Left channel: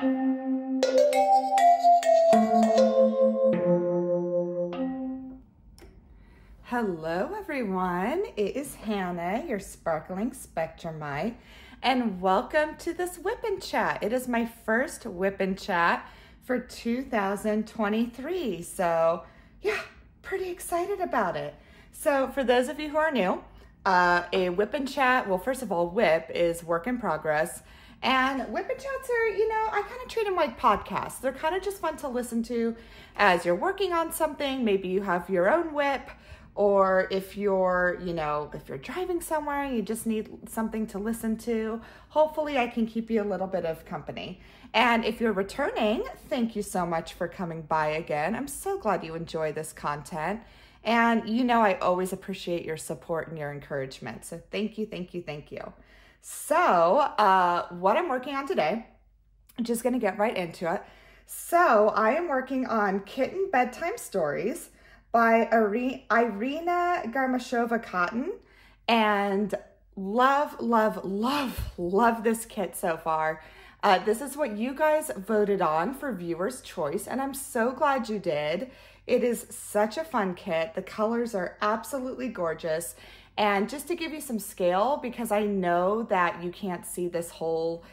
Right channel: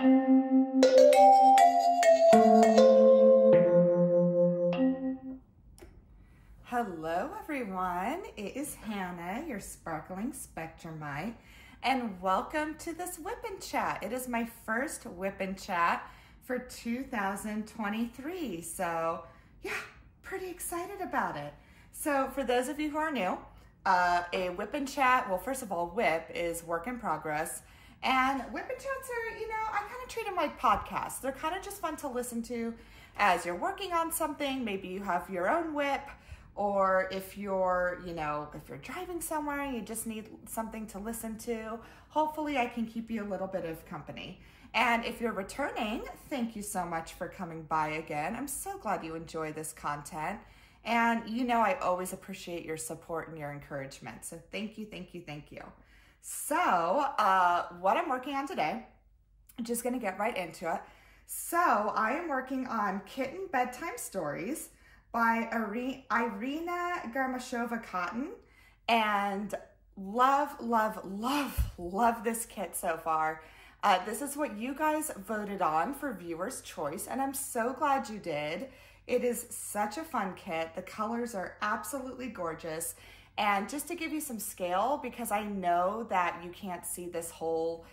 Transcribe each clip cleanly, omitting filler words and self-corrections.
Hello everyone, it is Hannah, your sparkling Spectrumite, and welcome to this WIP and Chat. It is my first WIP and Chat for 2023, so yeah, pretty excited about it. So for those of you who are new, a WIP and Chat, well first of all, WIP is work in progress, and WIP and Chats are, I kind of treat them like podcasts. They're kind of just fun to listen to as you're working on something. Maybe you have your own WIP, or if you're, if you're driving somewhere and you just need something to listen to. Hopefully I can keep you a little bit of company. And if you're returning, thank you so much for coming by again. I'm so glad you enjoy this content. And I always appreciate your support and your encouragement. So thank you, thank you, thank you. So what I'm working on today, I'm just gonna get right into it. So I am working on Kitten Bedtime Stories by Irina Garmashova Cotton, and love, love, love, love this kit so far. This is what you guys voted on for viewer's choice, and I'm so glad you did. It is such a fun kit. The colors are absolutely gorgeous. And just to give you some scale, because I know that you can't see this whole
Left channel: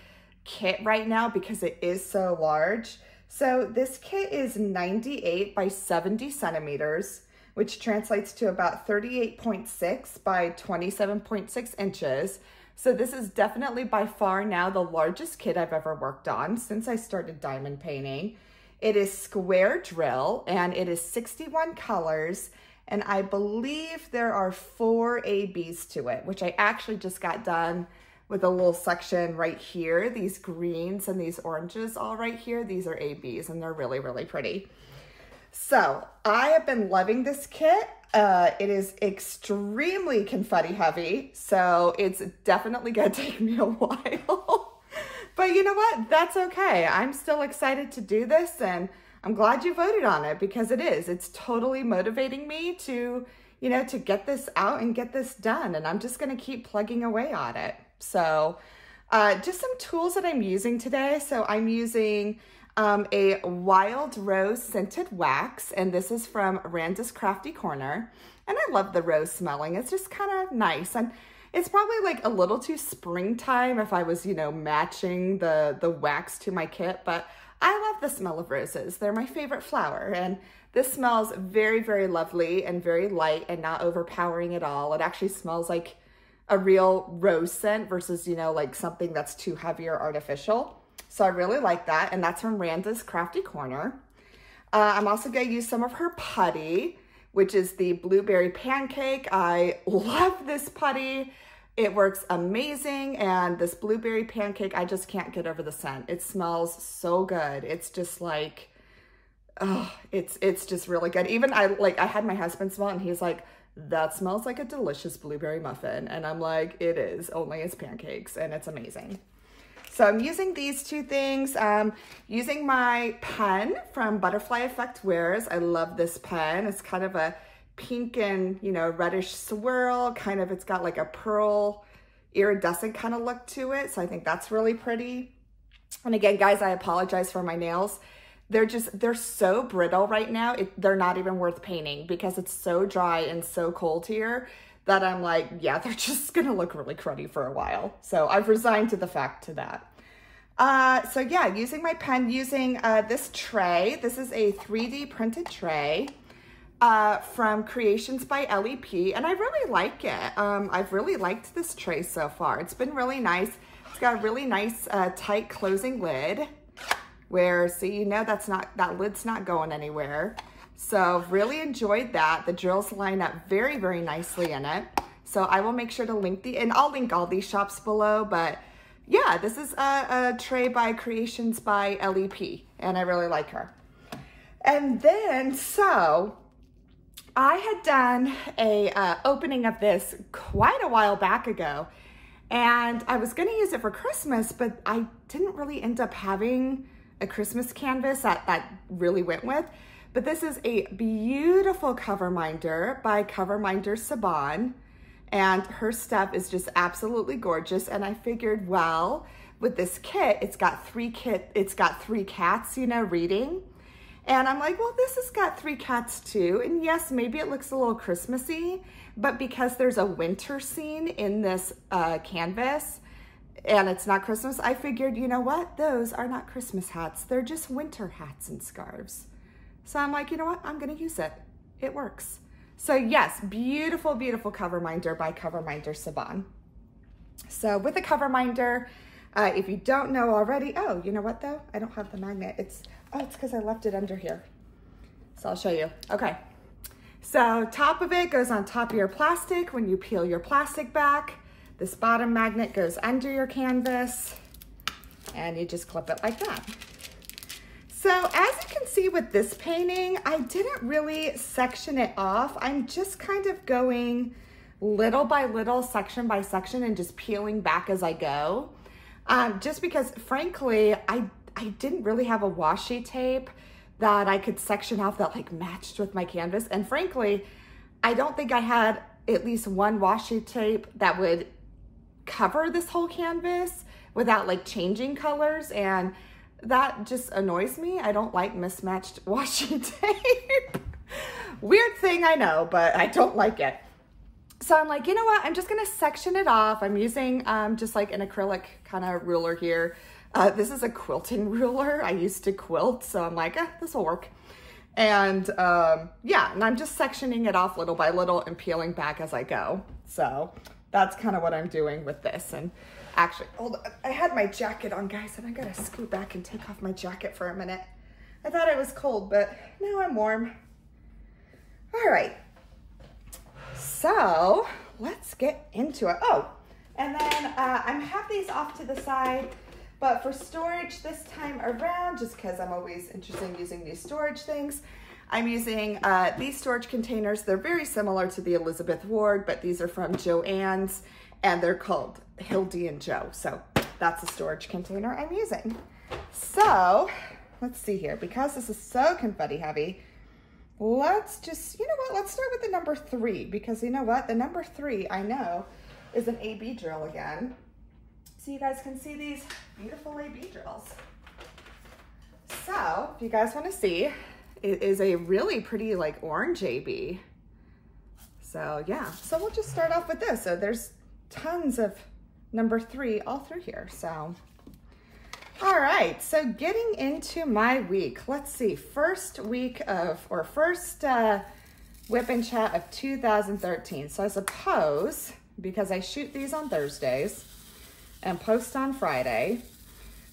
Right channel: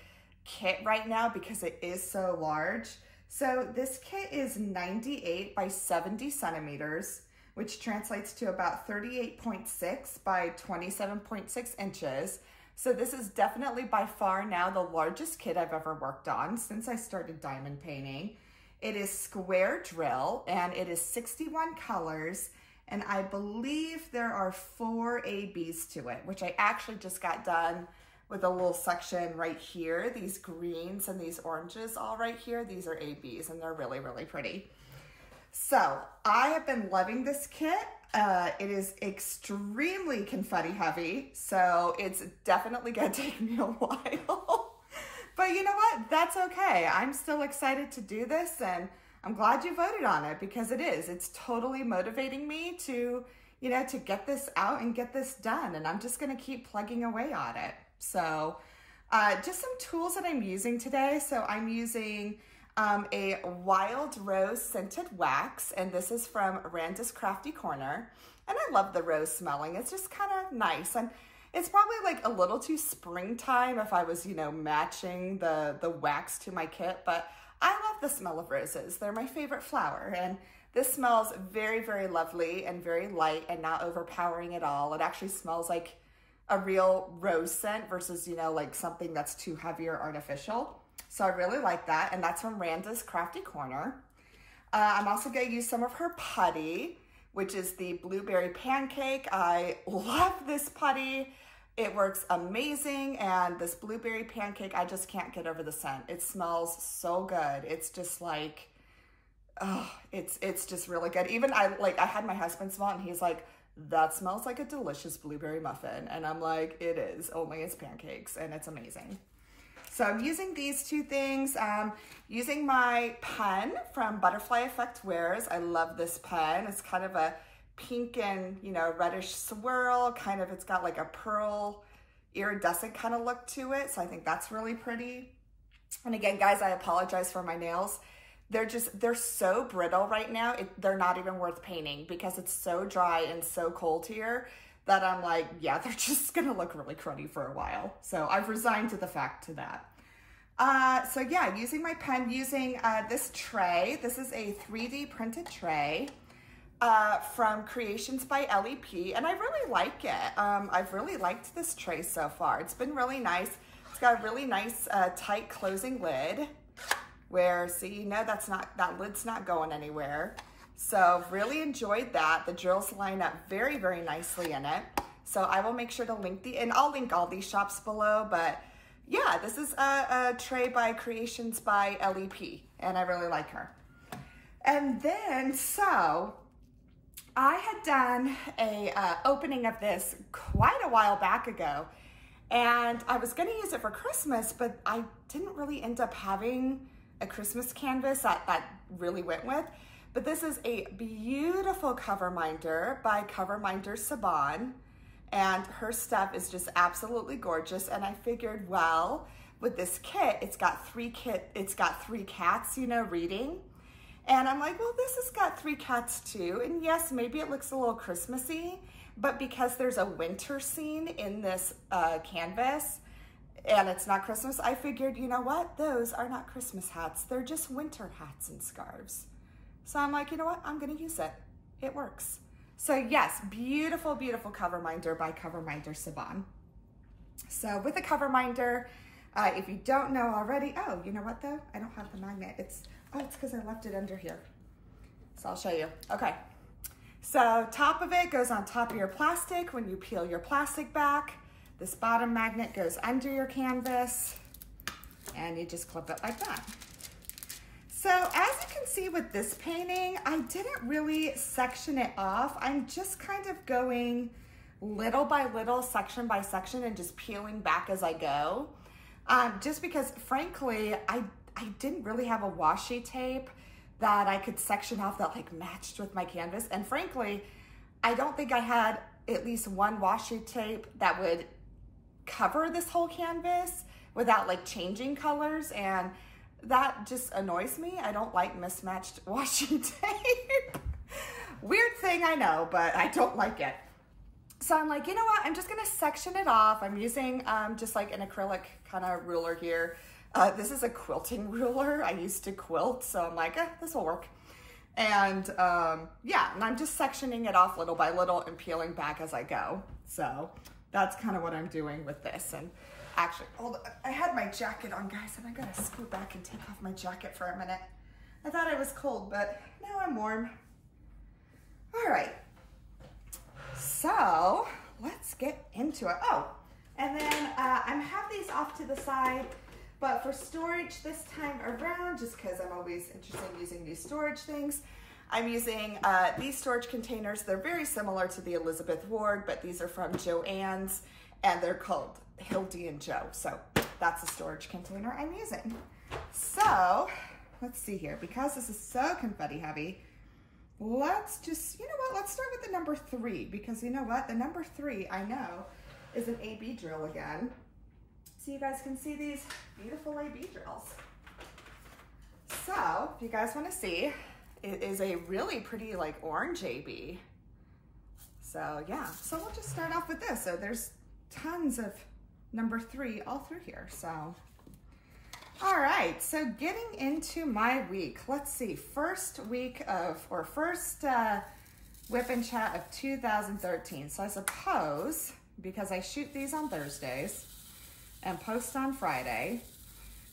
kit right now because it is so large. So this kit is 98 by 70 centimeters, which translates to about 38.6 by 27.6 inches. So this is definitely by far now the largest kit I've ever worked on since I started diamond painting. It is square drill and it is 61 colors. And I believe there are 4 ABs to it, which I actually just got done with a little section right here. These greens and these oranges all right here, these are ABs and they're really, really pretty. So I have been loving this kit. It is extremely confetti heavy, so it's definitely gonna take me a while. But you know what? That's okay. I'm still excited to do this, and I'm glad you voted on it because it's totally motivating me to, to get this out and get this done. And I'm just gonna keep plugging away on it. So just some tools that I'm using today. So I'm using a Wild Rose Scented Wax, and this is from Randa's Crafty Corner. And I love the rose smelling. It's just kind of nice. And it's probably like a little too springtime if I was, matching the wax to my kit, but I love the smell of roses. They're my favorite flower, and this smells very, very lovely and very light and not overpowering at all. It actually smells like a real rose scent versus, like something that's too heavy or artificial. So I really like that, and that's from Randa's Crafty Corner. I'm also gonna use some of her putty, which is the Blueberry Pancake. I love this putty. It works amazing, and this Blueberry Pancake, I just can't get over the scent. It smells so good. It's just like, oh, it's just really good. Even I had my husband smell it, and he's like, that smells like a delicious blueberry muffin. And I'm like, it is, only it's pancakes, and it's amazing. So I'm using these two things. Using my pen from Butterfly Effect Wares. I love this pen. It's kind of a pink and, reddish swirl. It's got like a pearl iridescent kind of look to it. So I think that's really pretty. And again, guys, I apologize for my nails. They're so brittle right now. They're not even worth painting because it's so dry and so cold here that I'm like, yeah, they're just gonna look really cruddy for a while. So I've resigned to the fact to that. So yeah, using my pen, using this tray. This is a 3D printed tray from Creations by LEP, and I really like it. I've really liked this tray so far. It's been really nice. It's got a really nice tight closing lid where, see, that lid's not going anywhere. So really enjoyed that. The drills line up very, very nicely in it. So I will make sure to link and I'll link all these shops below, but yeah, this is a tray by Creations by LEP, and I really like her. And then, so I had done a opening of this quite a while back ago, and I was gonna use it for Christmas, but I didn't really end up having a Christmas canvas that really went with. But this is a beautiful cover minder by Cover Minder Saban, and her stuff is just absolutely gorgeous. And I figured, well, with this kit, it's got three cats, you know, reading. And I'm like, well, this has got 3 cats too. And yes, maybe it looks a little Christmassy, but because there's a winter scene in this canvas and it's not Christmas, I figured, you know what? Those are not Christmas hats. They're just winter hats and scarves. So I'm like, you know what? I'm gonna use it. It works. So yes, beautiful, beautiful cover minder by Cover Minder Saban. So with a cover minder, if you don't know already, oh, you know what though? I don't have the magnet. It's because I left it under here. So I'll show you. Okay. So top of it goes on top of your plastic. When you peel your plastic back, this bottom magnet goes under your canvas and you just clip it like that. So as you can see with this painting, I didn't really section it off. I'm just kind of going little by little, section by section, and just peeling back as I go. Just because frankly, I didn't really have a washi tape that I could section off that like matched with my canvas. And frankly, I don't think I had at least one washi tape that would cover this whole canvas without like changing colors. And that just annoys me. I don't like mismatched washi tape. Weird thing, I know, but I don't like it. So I'm like, you know what? I'm just gonna section it off. I'm using just like an acrylic kind of ruler here. This is a quilting ruler. I used to quilt, so I'm like, this will work. And yeah, and I'm just sectioning it off little by little and peeling back as I go. So that's kind of what I'm doing with this. And actually, hold on. I had my jacket on, guys, and I gotta scoot back and take off my jacket for a minute. I thought I was cold, but now I'm warm. All right. So let's get into it. Oh, and then I have these off to the side, but for storage this time around, just because I'm always interested in using these storage things, I'm using these storage containers. They're very similar to the Elizabeth Ward, but these are from Joann's, and they're called Hildy and Joe. So that's a storage container I'm using. So let's see here, because this is so confetti heavy, let's just, you know what, let's start with the number 3, because you know what, the number 3 I know is an AB drill again. So you guys can see these beautiful AB drills. So if you guys want to see, it is a really pretty like orange AB. So yeah, so we'll just start off with this. So there's tons of number 3 all through here. So all right, so getting into my week. Let's see, first WIP and Chat of 2013. So I suppose, because I shoot these on Thursdays and post on Friday.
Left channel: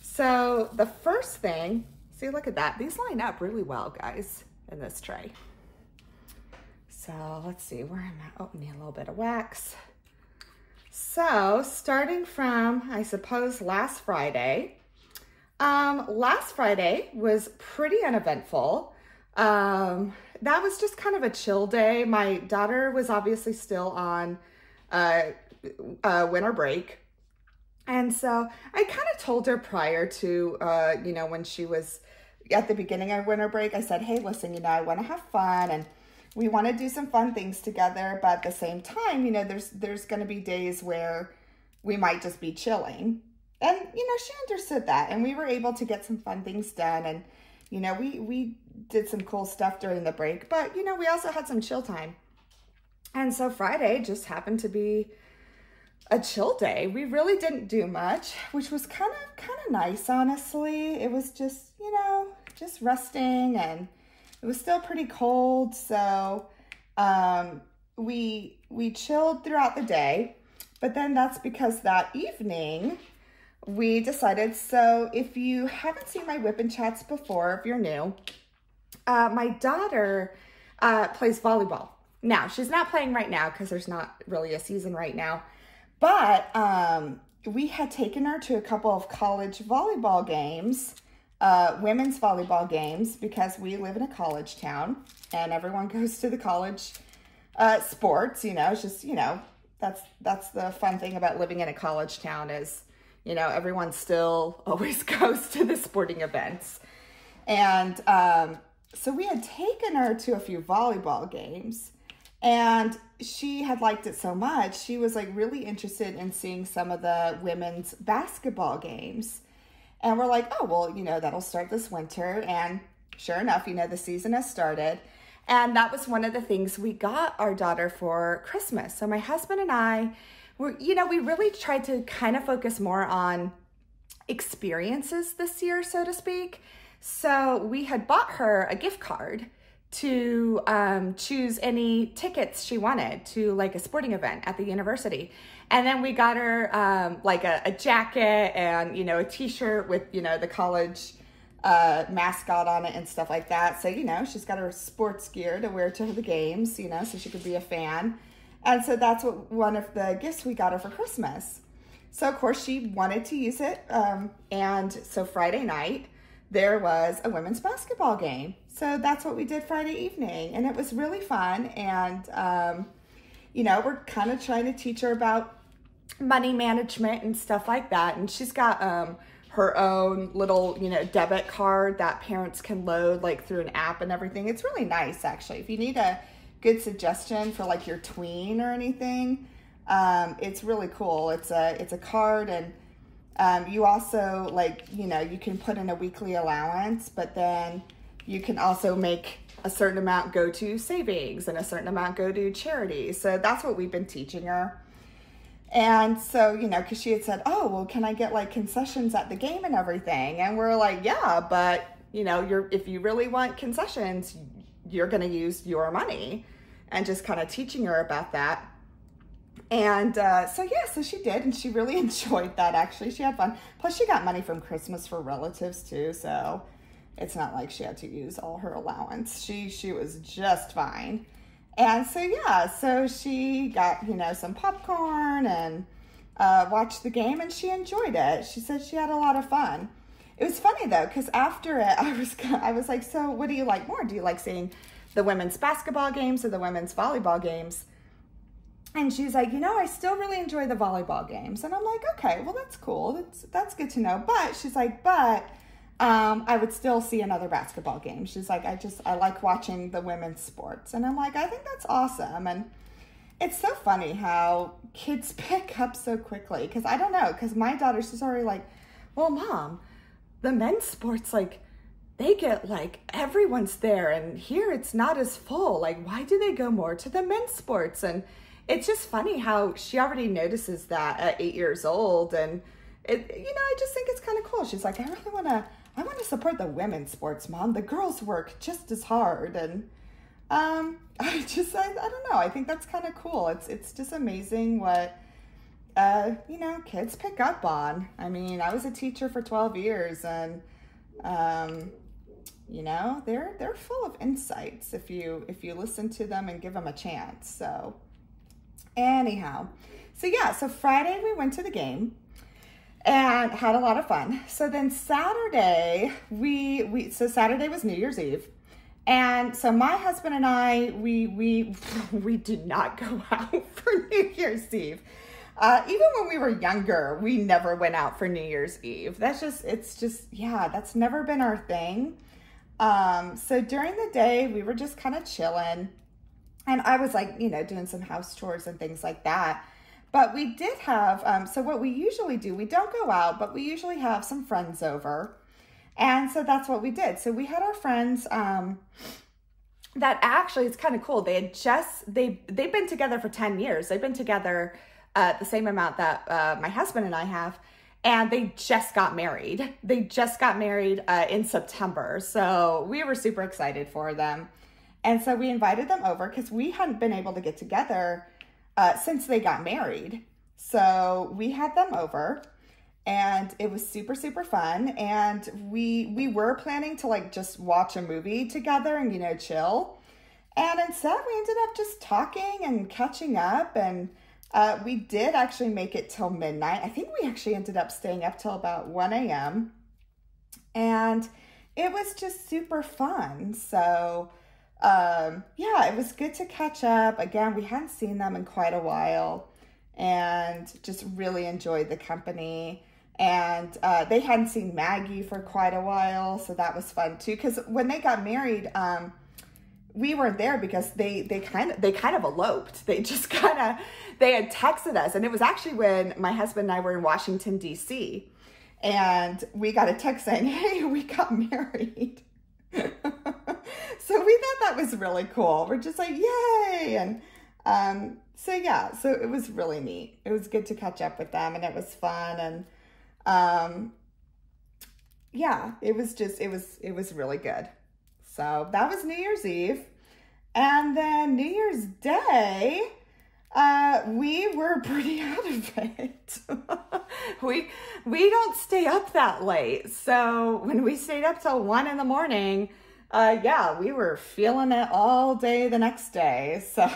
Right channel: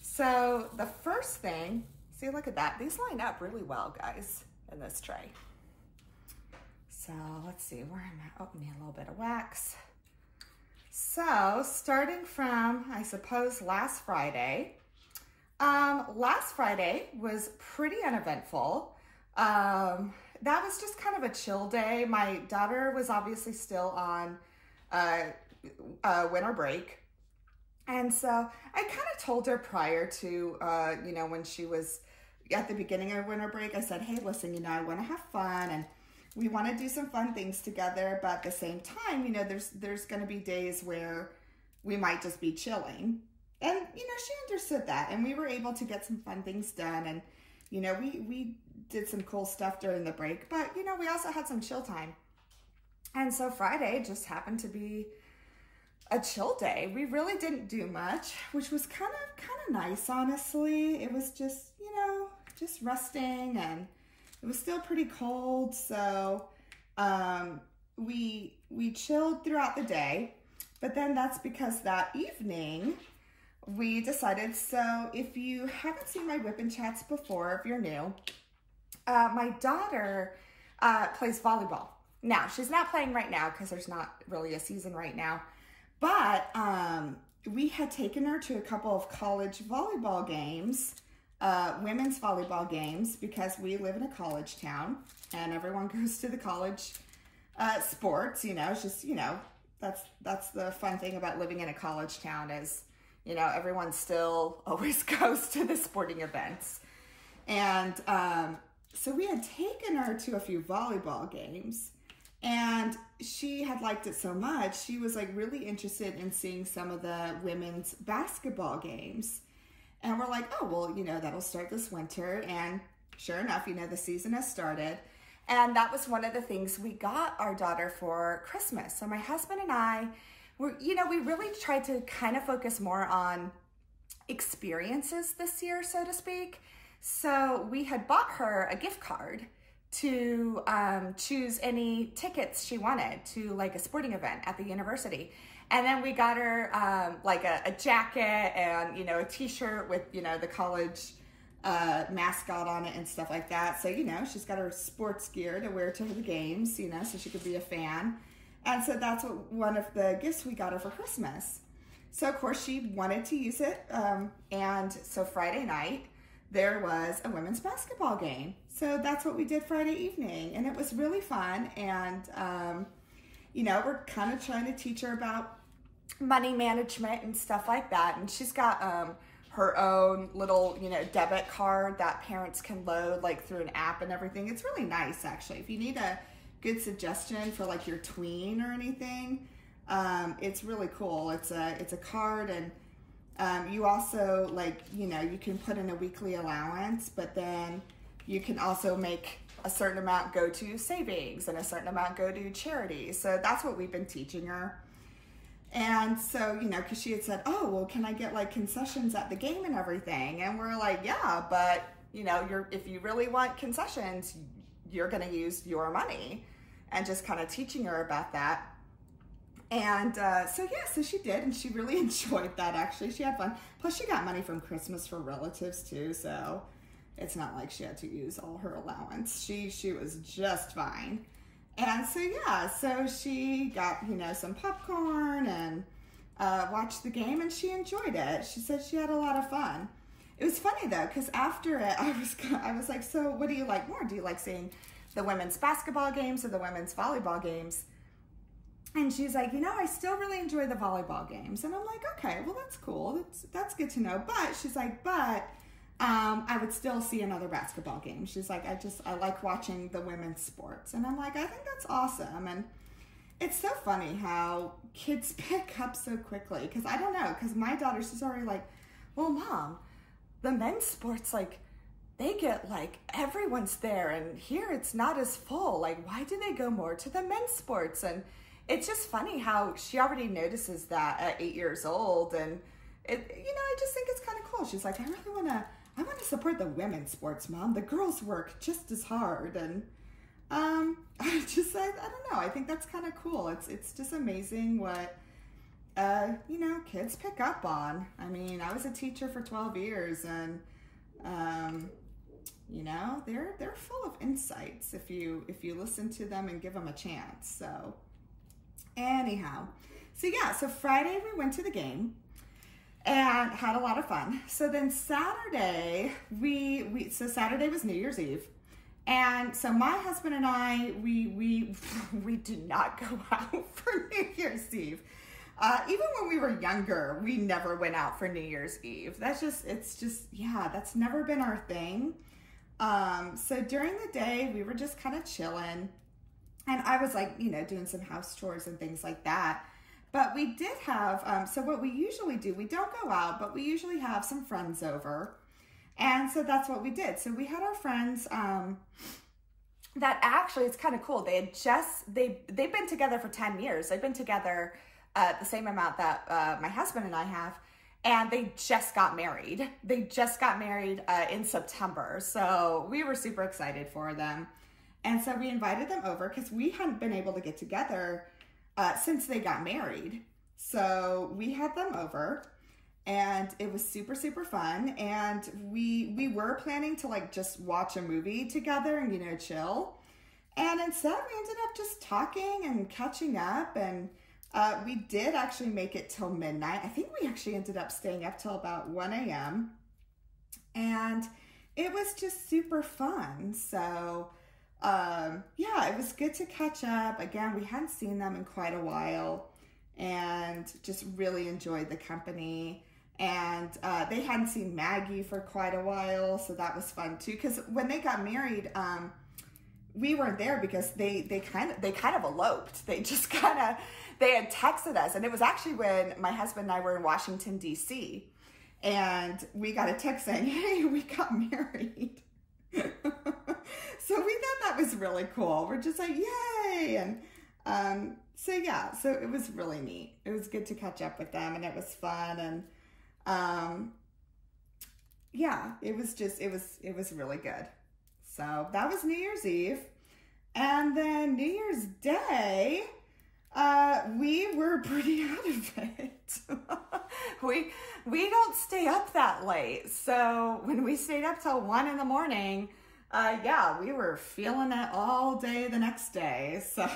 So the first thing, see, look at that. These line up really well, guys, in this tray. So let's see, where am I? Oh, need a little bit of wax. So starting from, I suppose, last Friday. Last Friday was pretty uneventful. That was just kind of a chill day. My daughter was obviously still on winter break. And so I kind of told her prior to, you know, when she was at the beginning of winter break, I said, hey, listen, you know, I want to have fun and we want to do some fun things together. But at the same time, you know, there's going to be days where we might just be chilling. And, you know, she understood that, and we were able to get some fun things done. And, you know, we did some cool stuff during the break, but, you know, we also had some chill time. And so Friday just happened to be a chill day. We really didn't do much, which was kind of nice, honestly. It was just, you know, just resting, and it was still pretty cold. So we chilled throughout the day, but then that's because that evening, we decided, so if you haven't seen my WIP and Chats before, if you're new, my daughter plays volleyball. Now, she's not playing right now because there's not really a season right now, but we had taken her to a couple of college volleyball games, women's volleyball games, because we live in a college town and everyone goes to the college sports, you know. It's just, you know, that's the fun thing about living in a college town is, you know, everyone still always goes to the sporting events. And so we had taken her to a few volleyball games, And she had liked it so much, she was like really interested in seeing some of the women's basketball games. And we're like, oh, well, you know, that'll start this winter. And sure enough, you know, the season has started. And that was one of the things we got our daughter for Christmas. So my husband and I were, you know, we really tried to kind of focus more on experiences this year, so to speak. So we had bought her a gift card to choose any tickets she wanted to like a sporting event at the university. And then we got her like a jacket and, you know, a t-shirt with, you know, the college mascot on it and stuff like that. So, you know, she's got her sports gear to wear to the games, you know, so she could be a fan. And so that's what one of the gifts we got her for Christmas. So of course she wanted to use it. And so Friday night, there was a women's basketball game. So that's what we did Friday evening. And it was really fun. And, you know, we're kind of trying to teach her about money management and stuff like that. And she's got her own little, you know, debit card that parents can load like through an app and everything. It's really nice, actually. If you need a good suggestion for like your tween or anything, it's really cool. It's a card, and you also, like, you know, you can put in a weekly allowance, but then you can also make a certain amount go to savings and a certain amount go to charity. So that's what we've been teaching her. And so, you know, because she had said, oh, well, can I get like concessions at the game and everything? And we're like, yeah, but, you know, if you really want concessions, you're going to use your money, and just kind of teaching her about that. And so, yeah, so she did, and she really enjoyed that, actually. She had fun. Plus, she got money from Christmas for relatives, too, so it's not like she had to use all her allowance. She was just fine. And so, yeah, so she got, you know, some popcorn and watched the game, and she enjoyed it. She said she had a lot of fun. It was funny, though, because after it, I was like, so what do you like more? Do you like seeing the women's basketball games or the women's volleyball games? And she's like, you know, I still really enjoy the volleyball games. And I'm like, okay, well, that's cool. That's good to know. But she's like, I would still see another basketball game. She's like, I like watching the women's sports. And I'm like, I think that's awesome. And it's so funny how kids pick up so quickly. Because I don't know, because my daughter, she's already like, well, Mom, the men's sports, like, they get, like, everyone's there. And here it's not as full. Like, why do they go more to the men's sports? And it's just funny how she already notices that at 8 years old. And it, you know, I just think it's kind of cool. She's like, I want to support the women's sports, Mom. The girls work just as hard. And I don't know. I think that's kind of cool. It's just amazing what, you know, kids pick up on. I mean, I was a teacher for 12 years, and, you know, they're full of insights if you listen to them and give them a chance. So anyhow, so yeah, so Friday we went to the game and had a lot of fun. So then Saturday, so Saturday was New Year's Eve. And so my husband and I, we did not go out for New Year's Eve. Even when we were younger, we never went out for New Year's Eve. Yeah, that's never been our thing. So during the day, we were just kind of chilling. And I was like, you know, doing some house chores and things like that. But we did have, so what we usually do, we don't go out, but we usually have some friends over. And so that's what we did. So we had our friends that actually, it's kind of cool. They had they've been together for 10 years. They've been together the same amount that my husband and I have. And they just got married. They just got married in September. So we were super excited for them. And so we invited them over because we hadn't been able to get together since they got married. So we had them over, and it was super, super fun. And we were planning to like just watch a movie together and, you know, chill. And instead we ended up just talking and catching up. And we did actually make it till midnight. I think we actually ended up staying up till about 1 a.m. And it was just super fun. So yeah, it was good to catch up. Again, we hadn't seen them in quite a while, and just really enjoyed the company. And they hadn't seen Maggie for quite a while, so that was fun too. Because when they got married, we weren't there because they kind of eloped. They just they had texted us, and it was actually when my husband and I were in Washington, D.C., and we got a text saying, hey, we got married. So we thought that was really cool. We're just like, yay. And so yeah, so it was really neat. It was good to catch up with them, and it was fun. And yeah, it was really good. So that was New Year's Eve. And then New Year's Day, we were pretty out of it. we don't stay up that late. So when we stayed up till 1 in the morning, yeah, we were feeling it all day the next day. So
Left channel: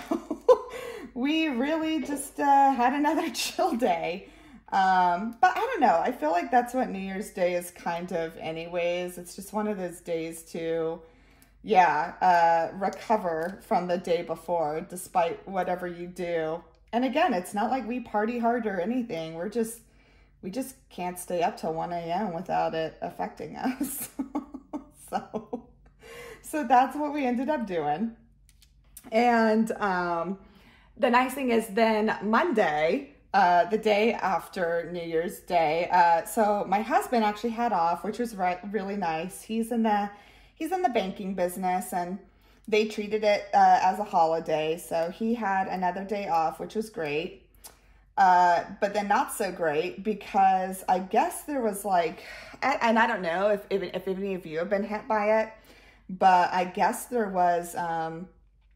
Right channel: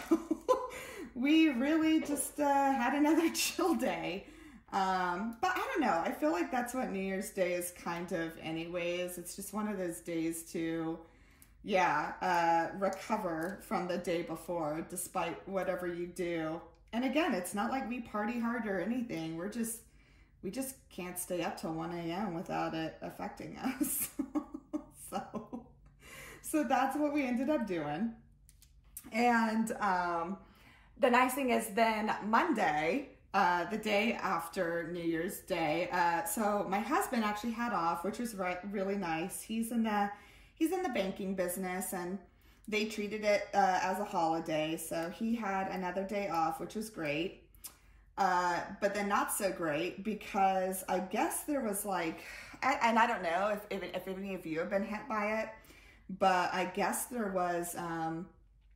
we really just had another chill day. But I don't know. I feel like that's what New Year's Day is kind of anyways. It's just one of those days to, yeah, recover from the day before, despite whatever you do. And again, it's not like we party hard or anything. We just can't stay up till 1 a.m. without it affecting us. So that's what we ended up doing. And the nice thing is then Monday, the day after New Year's Day, so my husband actually had off, which was really nice. He's in the banking business, and they treated it as a holiday. So he had another day off, which was great. But then not so great, because I guess there was like, and I don't know if any of you have been hit by it, but I guess there was,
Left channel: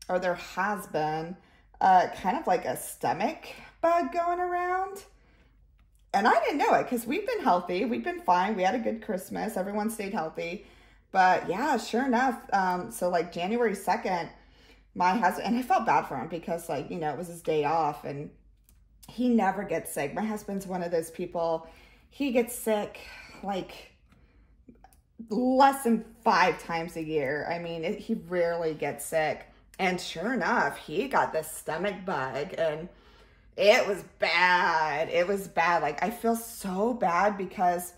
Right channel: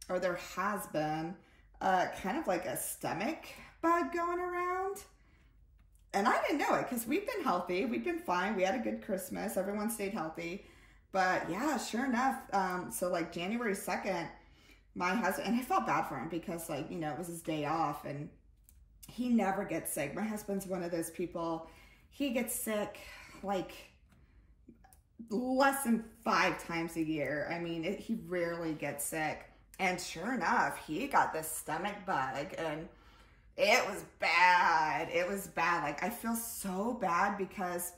or there has been, kind of like a stomach bug going around. And I didn't know it because we've been healthy. We've been fine. We had a good Christmas. Everyone stayed healthy. But yeah, sure enough. So like January 2nd, my husband, and I felt bad for him because, like, you know, it was his day off and he never gets sick. My husband's one of those people, he gets sick like less than 5 times a year. I mean, he rarely gets sick. And sure enough, he got this stomach bug, and it was bad. It was bad. Like, I feel so bad because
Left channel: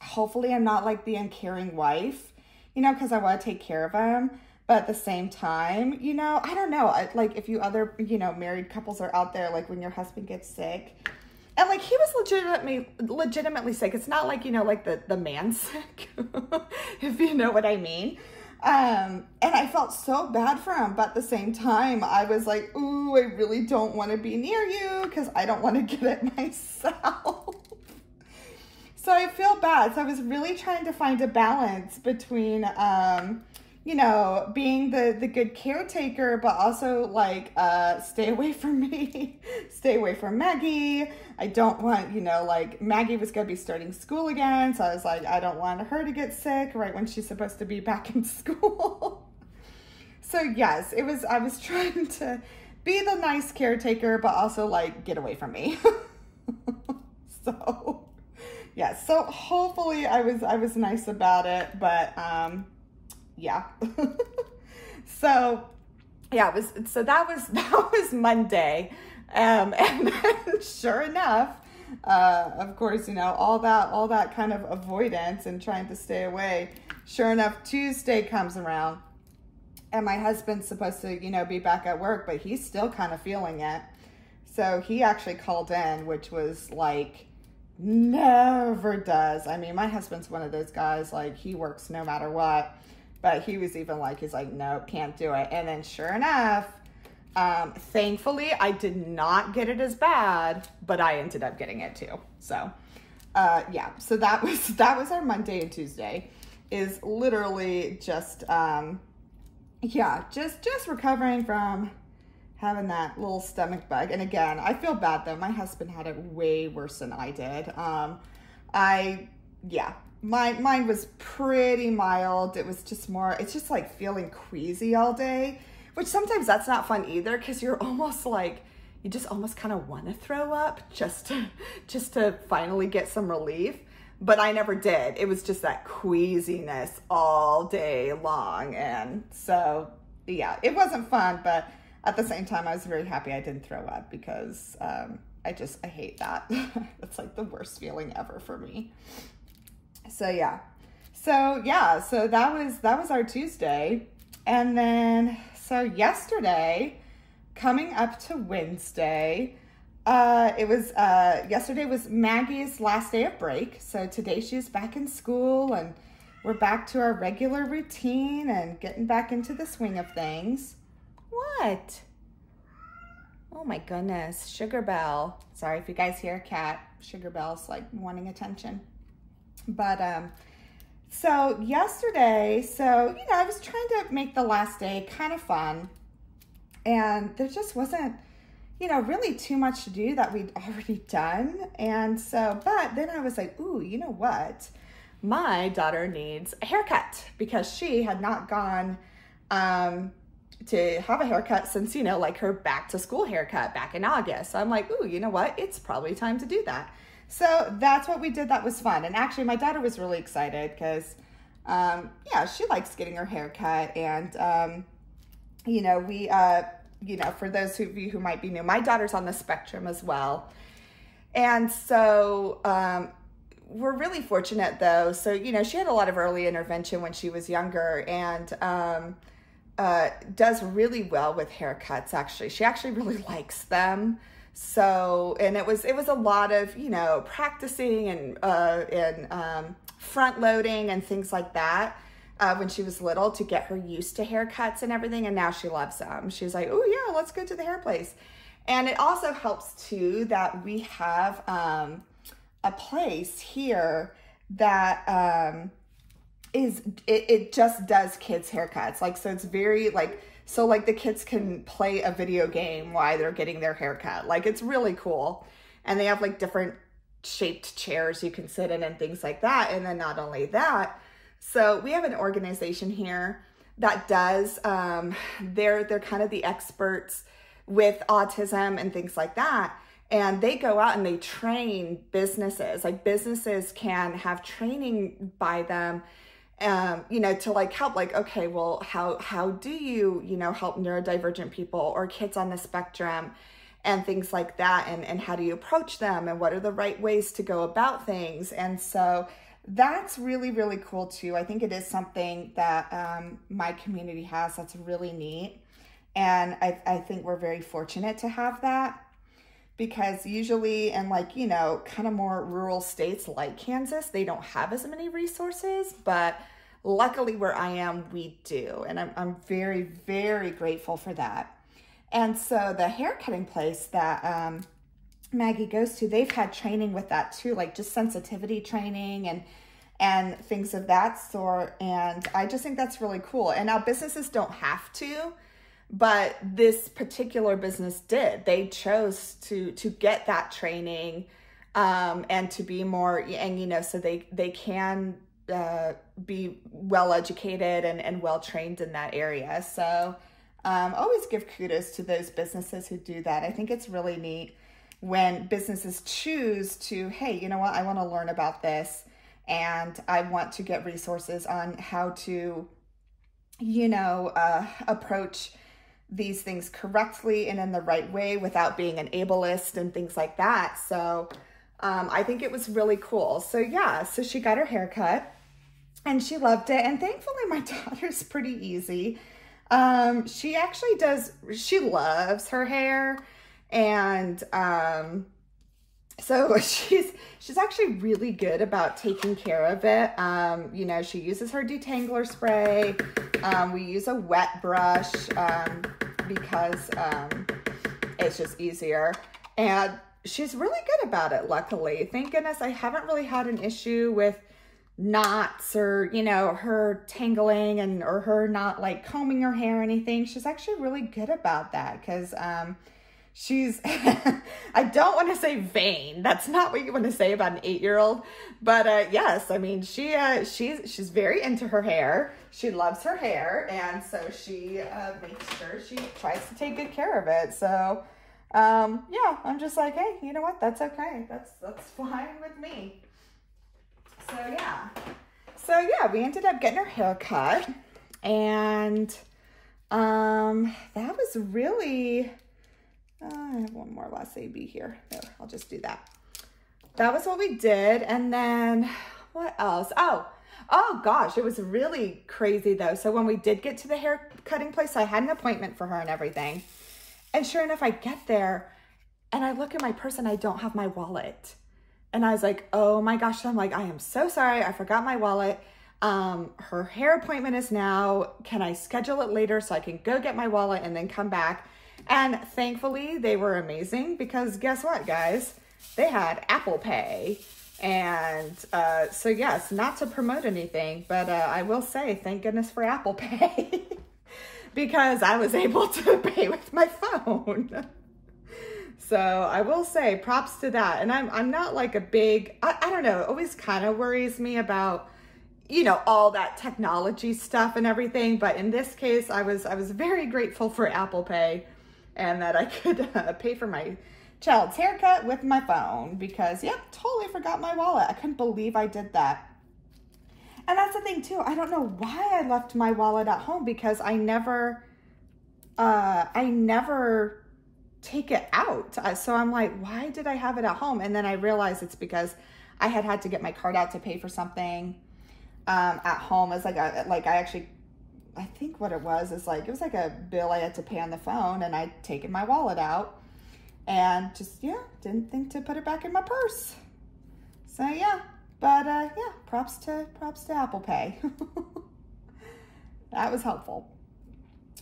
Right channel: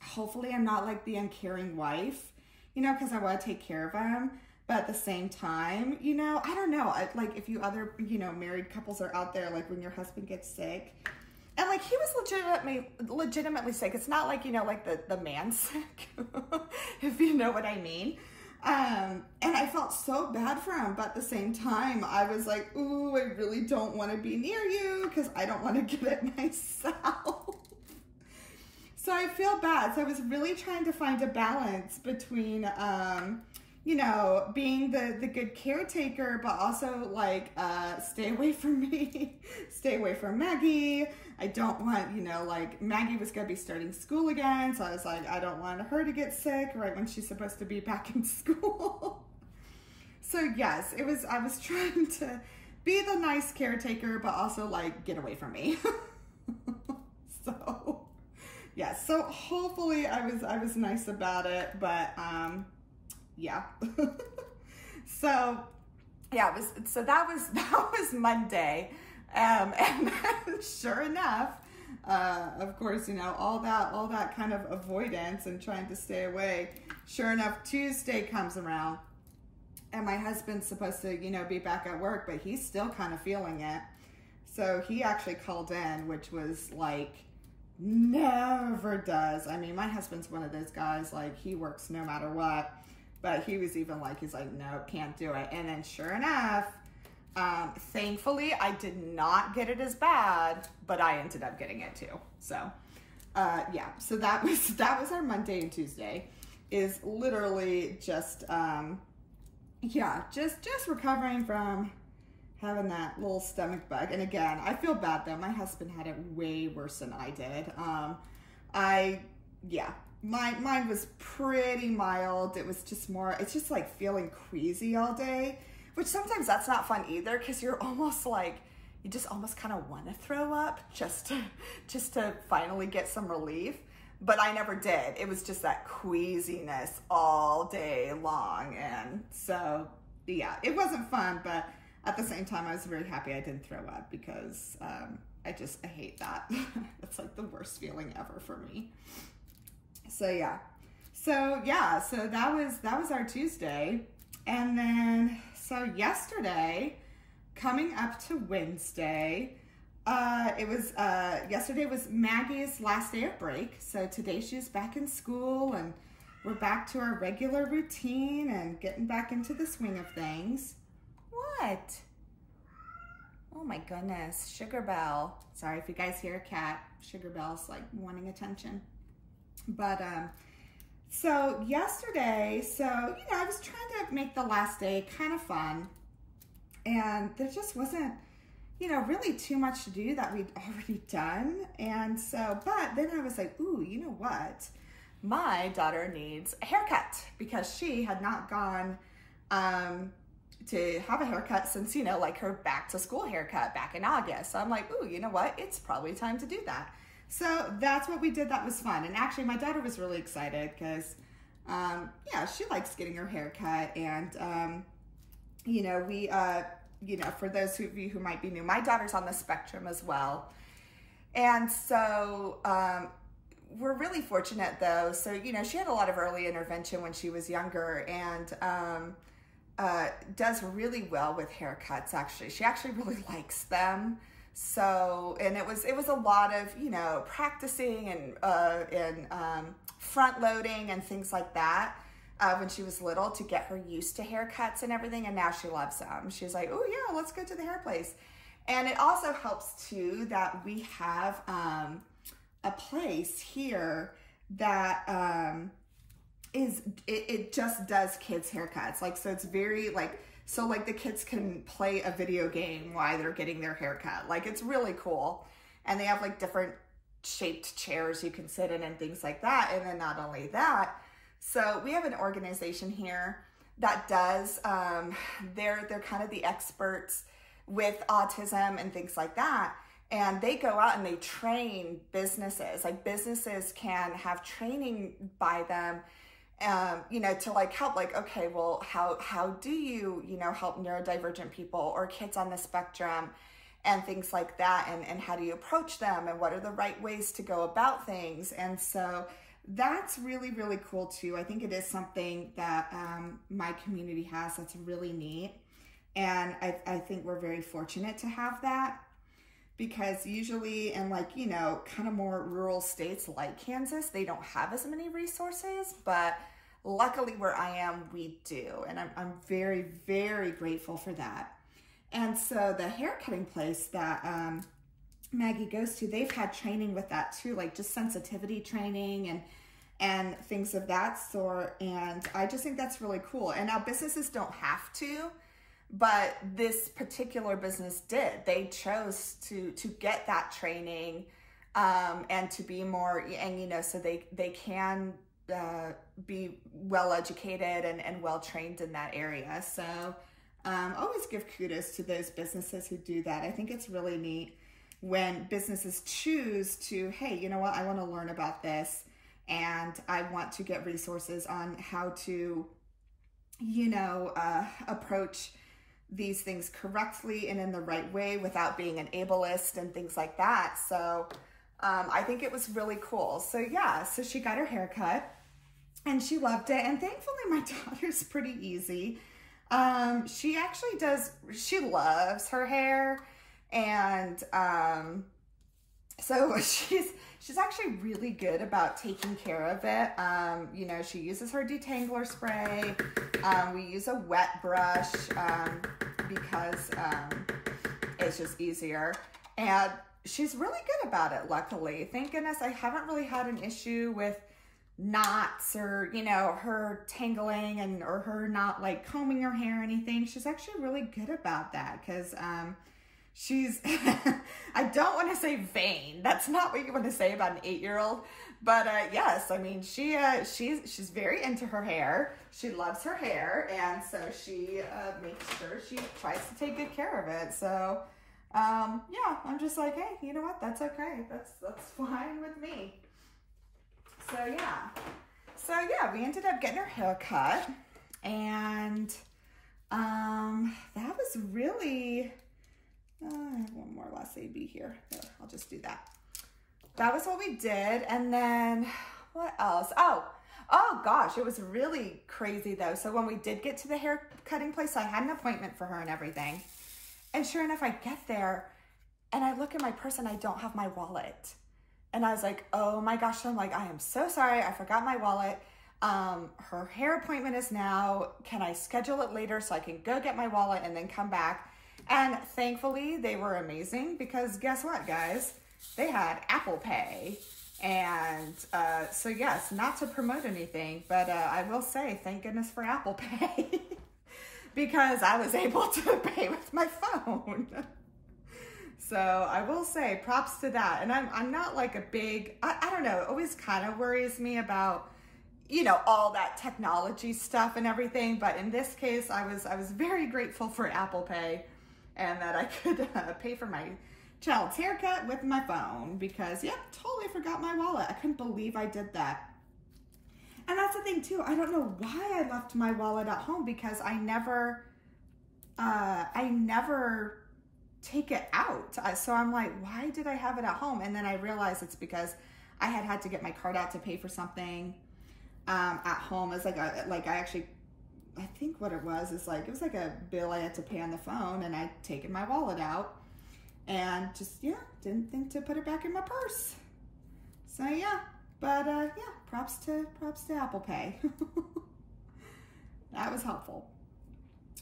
hopefully I'm not like the uncaring wife, you know, because I want to take care of him. But at the same time, you know, I don't know. Like, if you other, you know, married couples are out there, like when your husband gets sick, and like he was legitimately sick. It's not like, you know, like the man sick, if you know what I mean. And I felt so bad for him, but at the same time, I was like, ooh, I really don't want to be near you because I don't want to get it myself. So I feel bad. So I was really trying to find a balance between, you know, being the good caretaker, but also like, stay away from me, stay away from Maggie. I don't want, you know, like Maggie was going to be starting school again. So I was like, I don't want her to get sick right when she's supposed to be back in school. So yes, I was trying to be the nice caretaker, but also like get away from me. So yes, so hopefully I was nice about it, but yeah. So yeah, that was Monday. And then sure enough, of course, you know, all that kind of avoidance and trying to stay away. Sure enough, Tuesday comes around and my husband's supposed to, you know, be back at work, but he's still kind of feeling it. So he actually called in, which was like, never does. I mean, my husband's one of those guys, like he works no matter what, but he was even like, he's like, nope, can't do it. And then sure enough, thankfully I did not get it as bad, but I ended up getting it too. So, yeah, so that was our Monday and Tuesday, is literally just, yeah, just recovering from having that little stomach bug. And again, I feel bad though. My husband had it way worse than I did. Yeah, mine was pretty mild. It was just more, it's just like feeling queasy all day, which sometimes that's not fun either, because you're almost like, you just almost kind of want to throw up just to finally get some relief. But I never did. It was just that queasiness all day long. And so, yeah, it wasn't fun, but at the same time, I was very happy I didn't throw up, because I hate that. It's like the worst feeling ever for me. So yeah. So that was our Tuesday. And then, so yesterday, coming up to Wednesday, yesterday was Maggie's last day of break. So today she's back in school and we're back to our regular routine and getting back into the swing of things. What? Oh my goodness, Sugar Belle. Sorry if you guys hear a cat. Sugar Belle's like wanting attention. But, so yesterday, I was trying to make the last day kind of fun, and there just wasn't, really too much to do that we'd already done. And so, but then I was like, ooh, you know what? My daughter needs a haircut because she had not gone to have a haircut since, like her back to school haircut back in August. So I'm like, ooh, you know what? It's probably time to do that. So that's what we did. That was fun. And actually my daughter was really excited because, she likes getting her hair cut. And, for those of you who might be new, my daughter's on the spectrum as well. And so, we're really fortunate though. So, she had a lot of early intervention when she was younger and, does really well with haircuts. Actually, she actually really likes them. So, and it was a lot of, practicing and front loading and things like that when she was little to get her used to haircuts and everything. And now she loves them. She's like, oh yeah, let's go to the hair place. And it also helps too that we have a place here that it just does kids haircuts. Like, so it's very so the kids can play a video game while they're getting their haircut. Like, it's really cool. And they have like different shaped chairs you can sit in and things like that. And then not only that, so we have an organization here that does, they're kind of the experts with autism and things like that. And they go out and they train businesses. Like, businesses can have training by them, to like help, like, okay, well, how do you, help neurodivergent people or kids on the spectrum and things like that, and how do you approach them, and what are the right ways to go about things. And so that's really, really cool too. I think it is something that my community has that's really neat. And I think we're very fortunate to have that, because usually in kind of more rural states like Kansas, they don't have as many resources, but luckily where I am, we do. And I'm very, very grateful for that. And so the haircutting place that Maggie goes to, they've had training with that too, like just sensitivity training and things of that sort. And I just think that's really cool. And now businesses don't have to, but this particular business did. They chose to get that training and to be more, and so they can be well educated and well trained in that area. So always give kudos to those businesses who do that. I think it's really neat when businesses choose to, hey, you know what, I want to learn about this and I want to get resources on how to, approach these things correctly and in the right way without being an ableist and things like that. So I think it was really cool. So yeah, so she got her haircut and she loved it. And thankfully my daughter's pretty easy. She loves her hair. And so she's actually really good about taking care of it. She uses her detangler spray. We use a wet brush because it's just easier. And she's really good about it, luckily. Thank goodness I haven't really had an issue with knots or, her tangling or her not like combing her hair or anything. She's actually really good about that because she's, I don't want to say vain. That's not what you want to say about an 8-year-old. But yes, I mean, she's very into her hair. She loves her hair. And so she makes sure she tries to take good care of it. So yeah, I'm just like, hey, you know what? That's okay. That's fine with me. So yeah, we ended up getting her hair cut. And that was really... I have one more last AB here. There, I'll just do that. That was what we did. And then what else? Oh gosh, it was really crazy though. So when we did get to the hair cutting place, I had an appointment for her and everything. And sure enough, I get there and I look at my purse and I don't have my wallet. And I was like, oh my gosh. I'm like, I am so sorry. I forgot my wallet. Her hair appointment is now. Can I schedule it later so I can go get my wallet and then come back? And thankfully they were amazing because guess what, guys? They had Apple Pay. And so yes, not to promote anything, but I will say thank goodness for Apple Pay because I was able to pay with my phone. So I will say props to that. And I'm not like a big, I don't know, it always kind of worries me about, you know, all that technology stuff and everything. But in this case, I was very grateful for Apple Pay and that I could pay for my child's haircut with my phone because, yep, totally forgot my wallet. I couldn't believe I did that. And that's the thing too. I don't know why I left my wallet at home because I never take it out. So I'm like, why did I have it at home? And then I realized it's because I had to get my card out to pay for something at home. It's like I think what it was is like, it was like a bill I had to pay on the phone and I'd taken my wallet out. And just, yeah, didn't think to put it back in my purse. So yeah, but yeah, props to Apple Pay. That was helpful.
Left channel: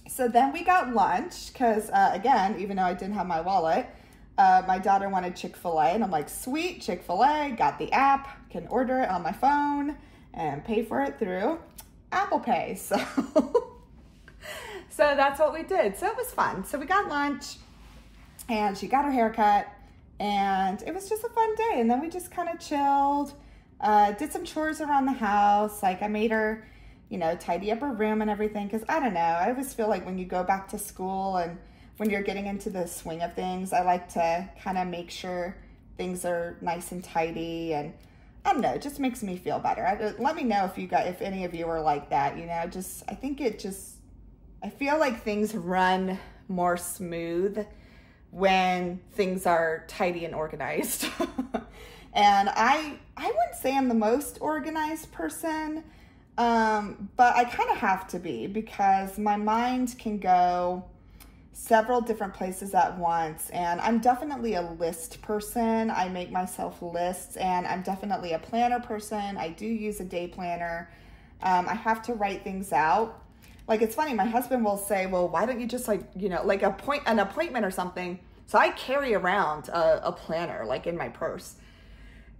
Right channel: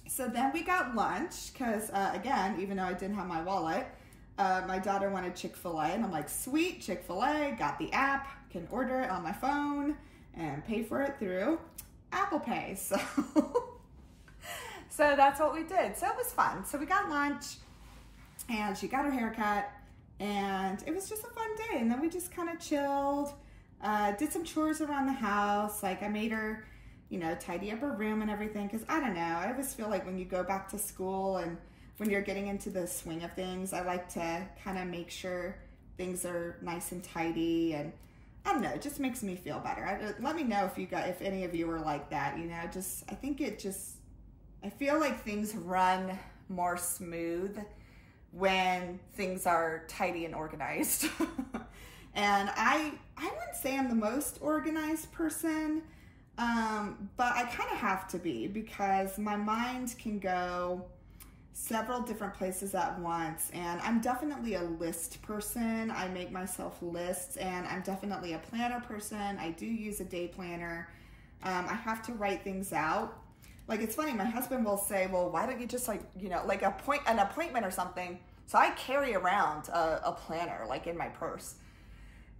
So then we got lunch because again, even though I didn't have my wallet, my daughter wanted Chick-fil-A and I'm like, sweet, Chick-fil-A, got the app, can order it on my phone and pay for it through Apple Pay. So, so that's what we did. So it was fun. So we got lunch. And she got her haircut and it was just a fun day. And then we just kind of chilled, did some chores around the house. Like I made her, you know, tidy up her room and everything. Cause I don't know, I always feel like when you go back to school and when you're getting into the swing of things, I like to kind of make sure things are nice and tidy. And I don't know, it just makes me feel better. Let me know if any of you are like that, you know, I feel like things run more smooth when things are tidy and organized. And I wouldn't say I'm the most organized person, but I kind of have to be because my mind can go several different places at once. And I'm definitely a list person. I make myself lists and I'm definitely a planner person. I do use a day planner. I have to write things out. Like, it's funny, my husband will say, well, why don't you just like, you know, like an appointment or something. So I carry around a planner like in my purse.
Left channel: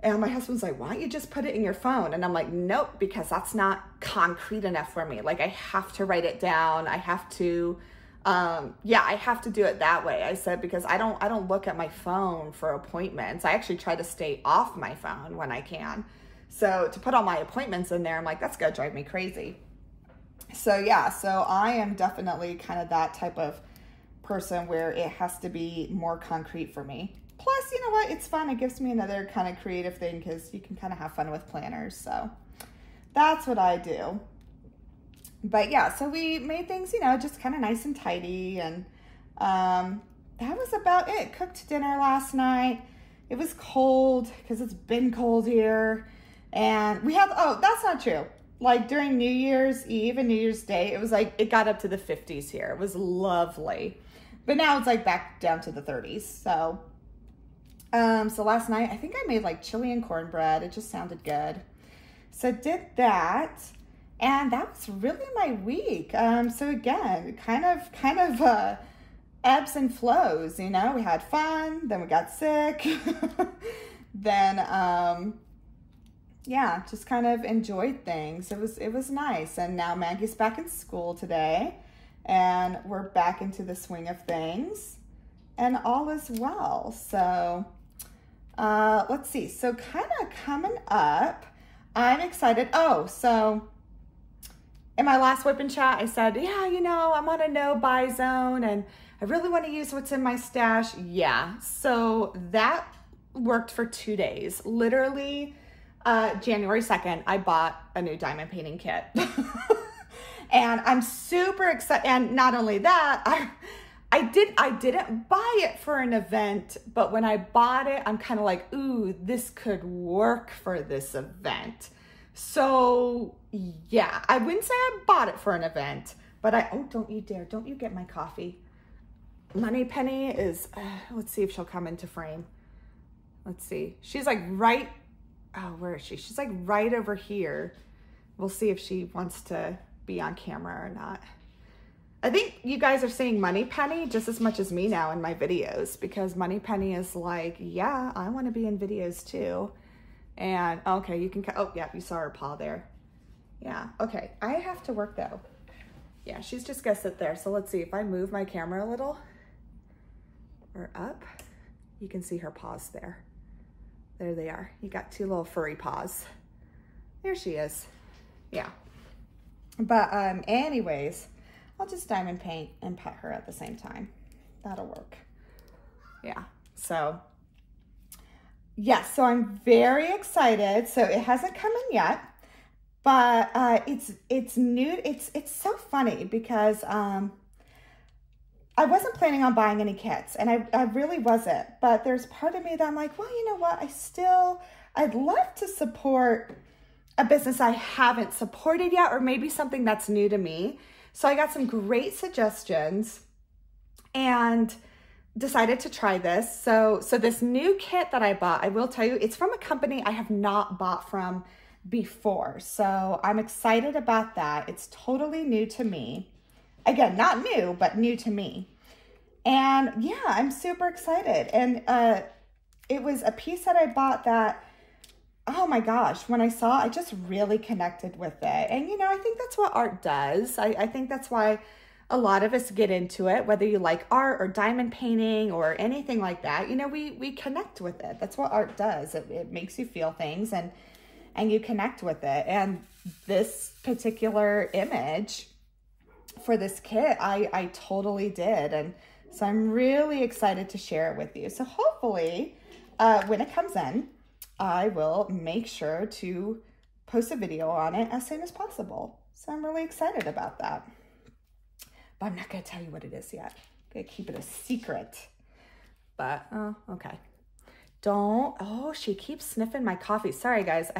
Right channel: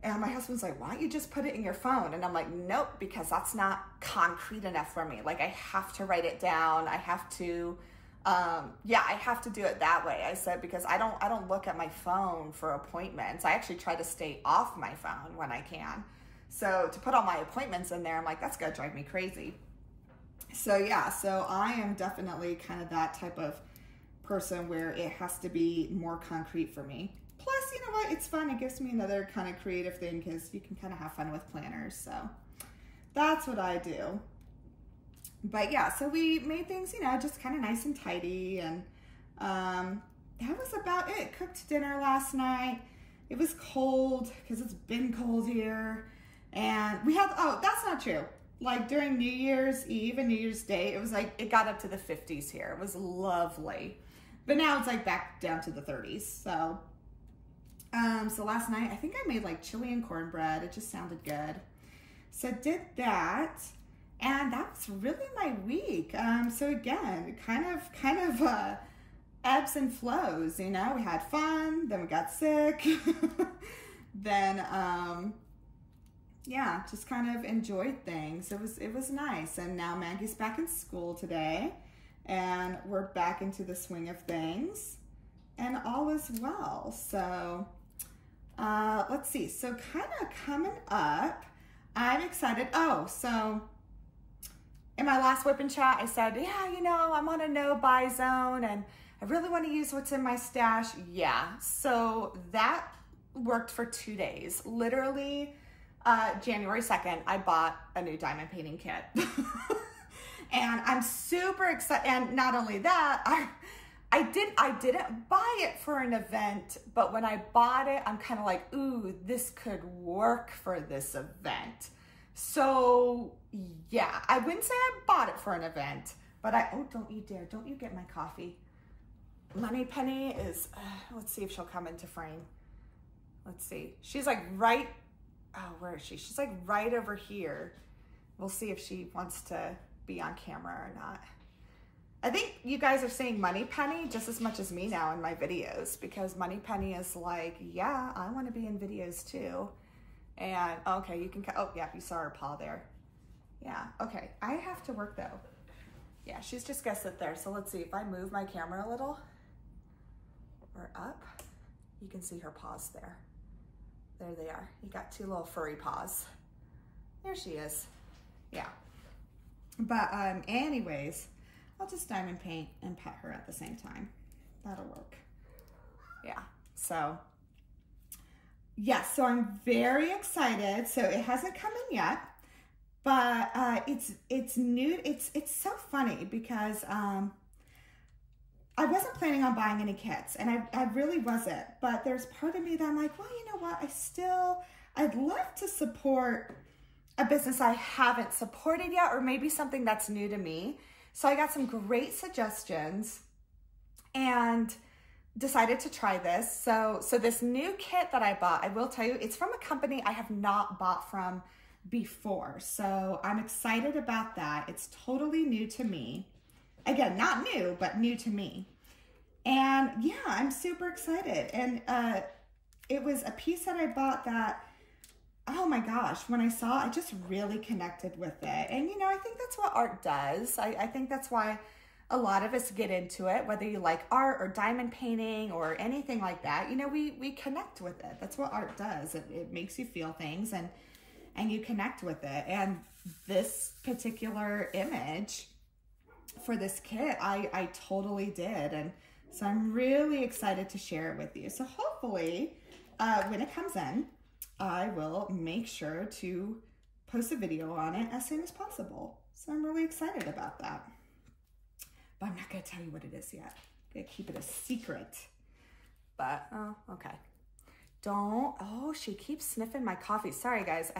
And my husband's like, why don't you just put it in your phone? And I'm like, nope, because that's not concrete enough for me. Like I have to write it down. I have to, I have to do it that way. I said, because I don't look at my phone for appointments. I actually try to stay off my phone when I can. So to put all my appointments in there, I'm like, that's gonna drive me crazy. So yeah, so I am definitely kind of that type of person where it has to be more concrete for me. Plus, you know what? It's fun. It gives me another kind of creative thing because you can kind of have fun with planners. So that's what I do. But yeah, so we made things, you know, just kind of nice and tidy. And that was about it. Cooked dinner last night. It was cold because it's been cold here. And we have, oh, that's not true. Like during New Year's Eve and New Year's Day, it was like, it got up to the 50s here. It was lovely. But now it's like back down to the 30s. So, so last night, I think I made like chili and cornbread. It just sounded good. So did that. And that was really my week. So again, kind of ebbs and flows, you know, we had fun, then we got sick, then, yeah, just kind of enjoyed things. It was nice. And now Maggie's back in school today and we're back into the swing of things and all is well. So, let's see. So kind of coming up, I'm excited. Oh, so in my last WIP and Chat, I said, yeah, you know, I'm on a no-buy zone and I really want to use what's in my stash. Yeah, so that worked for 2 days. Literally, January 2nd, I bought a new diamond painting kit. And I'm super excited. And not only that, I didn't buy it for an event, but when I bought it, I'm kind of like, ooh, this could work for this event. So yeah, I wouldn't say I bought it for an event, but oh, don't you dare, don't you get my coffee. Money Penny is, let's see if she'll come into frame. Let's see. She's like right, oh, where is she? She's like right over here. We'll see if she wants to be on camera or not. I think you guys are seeing Money Penny just as much as me now in my videos, because Money Penny is like, yeah, I want to be in videos too. And okay, you can, oh yeah, you saw her paw there. Yeah, okay, I have to work though. Yeah, she's just gonna sit there. So let's see, if I move my camera a little or up, you can see her paws there. There they are. You got two little furry paws. There she is. Yeah. But anyways, I'll just diamond paint and pet her at the same time. That'll work. Yeah, so yes, so I'm very excited. So it hasn't come in yet, but it's new. It's so funny because I wasn't planning on buying any kits, and I really wasn't. But there's part of me that I'm like, well, you know what? I'd love to support a business I haven't supported yet, or maybe something that's new to me. So I got some great suggestions and decided to try this. So this new kit that I bought, I will tell you, it's from a company I have not bought from before. So I'm excited about that. It's totally new to me. Again, not new, but new to me. And yeah, I'm super excited. And it was a piece that I bought that, oh my gosh, when I saw, I just really connected with it. And you know, I think that's what art does. I think that's why a lot of us get into it, whether you like art or diamond painting or anything like that. You know, we connect with it. That's what art does. It makes you feel things and you connect with it. And this particular image for this kit, I totally did. And so I'm really excited to share it with you. So hopefully when it comes in, I will make sure to post a video on it as soon as possible. So I'm really excited about that. But I'm not going to tell you what it is yet. I'm going to keep it a secret. But, oh, okay. Oh, she keeps sniffing my coffee. Sorry, guys.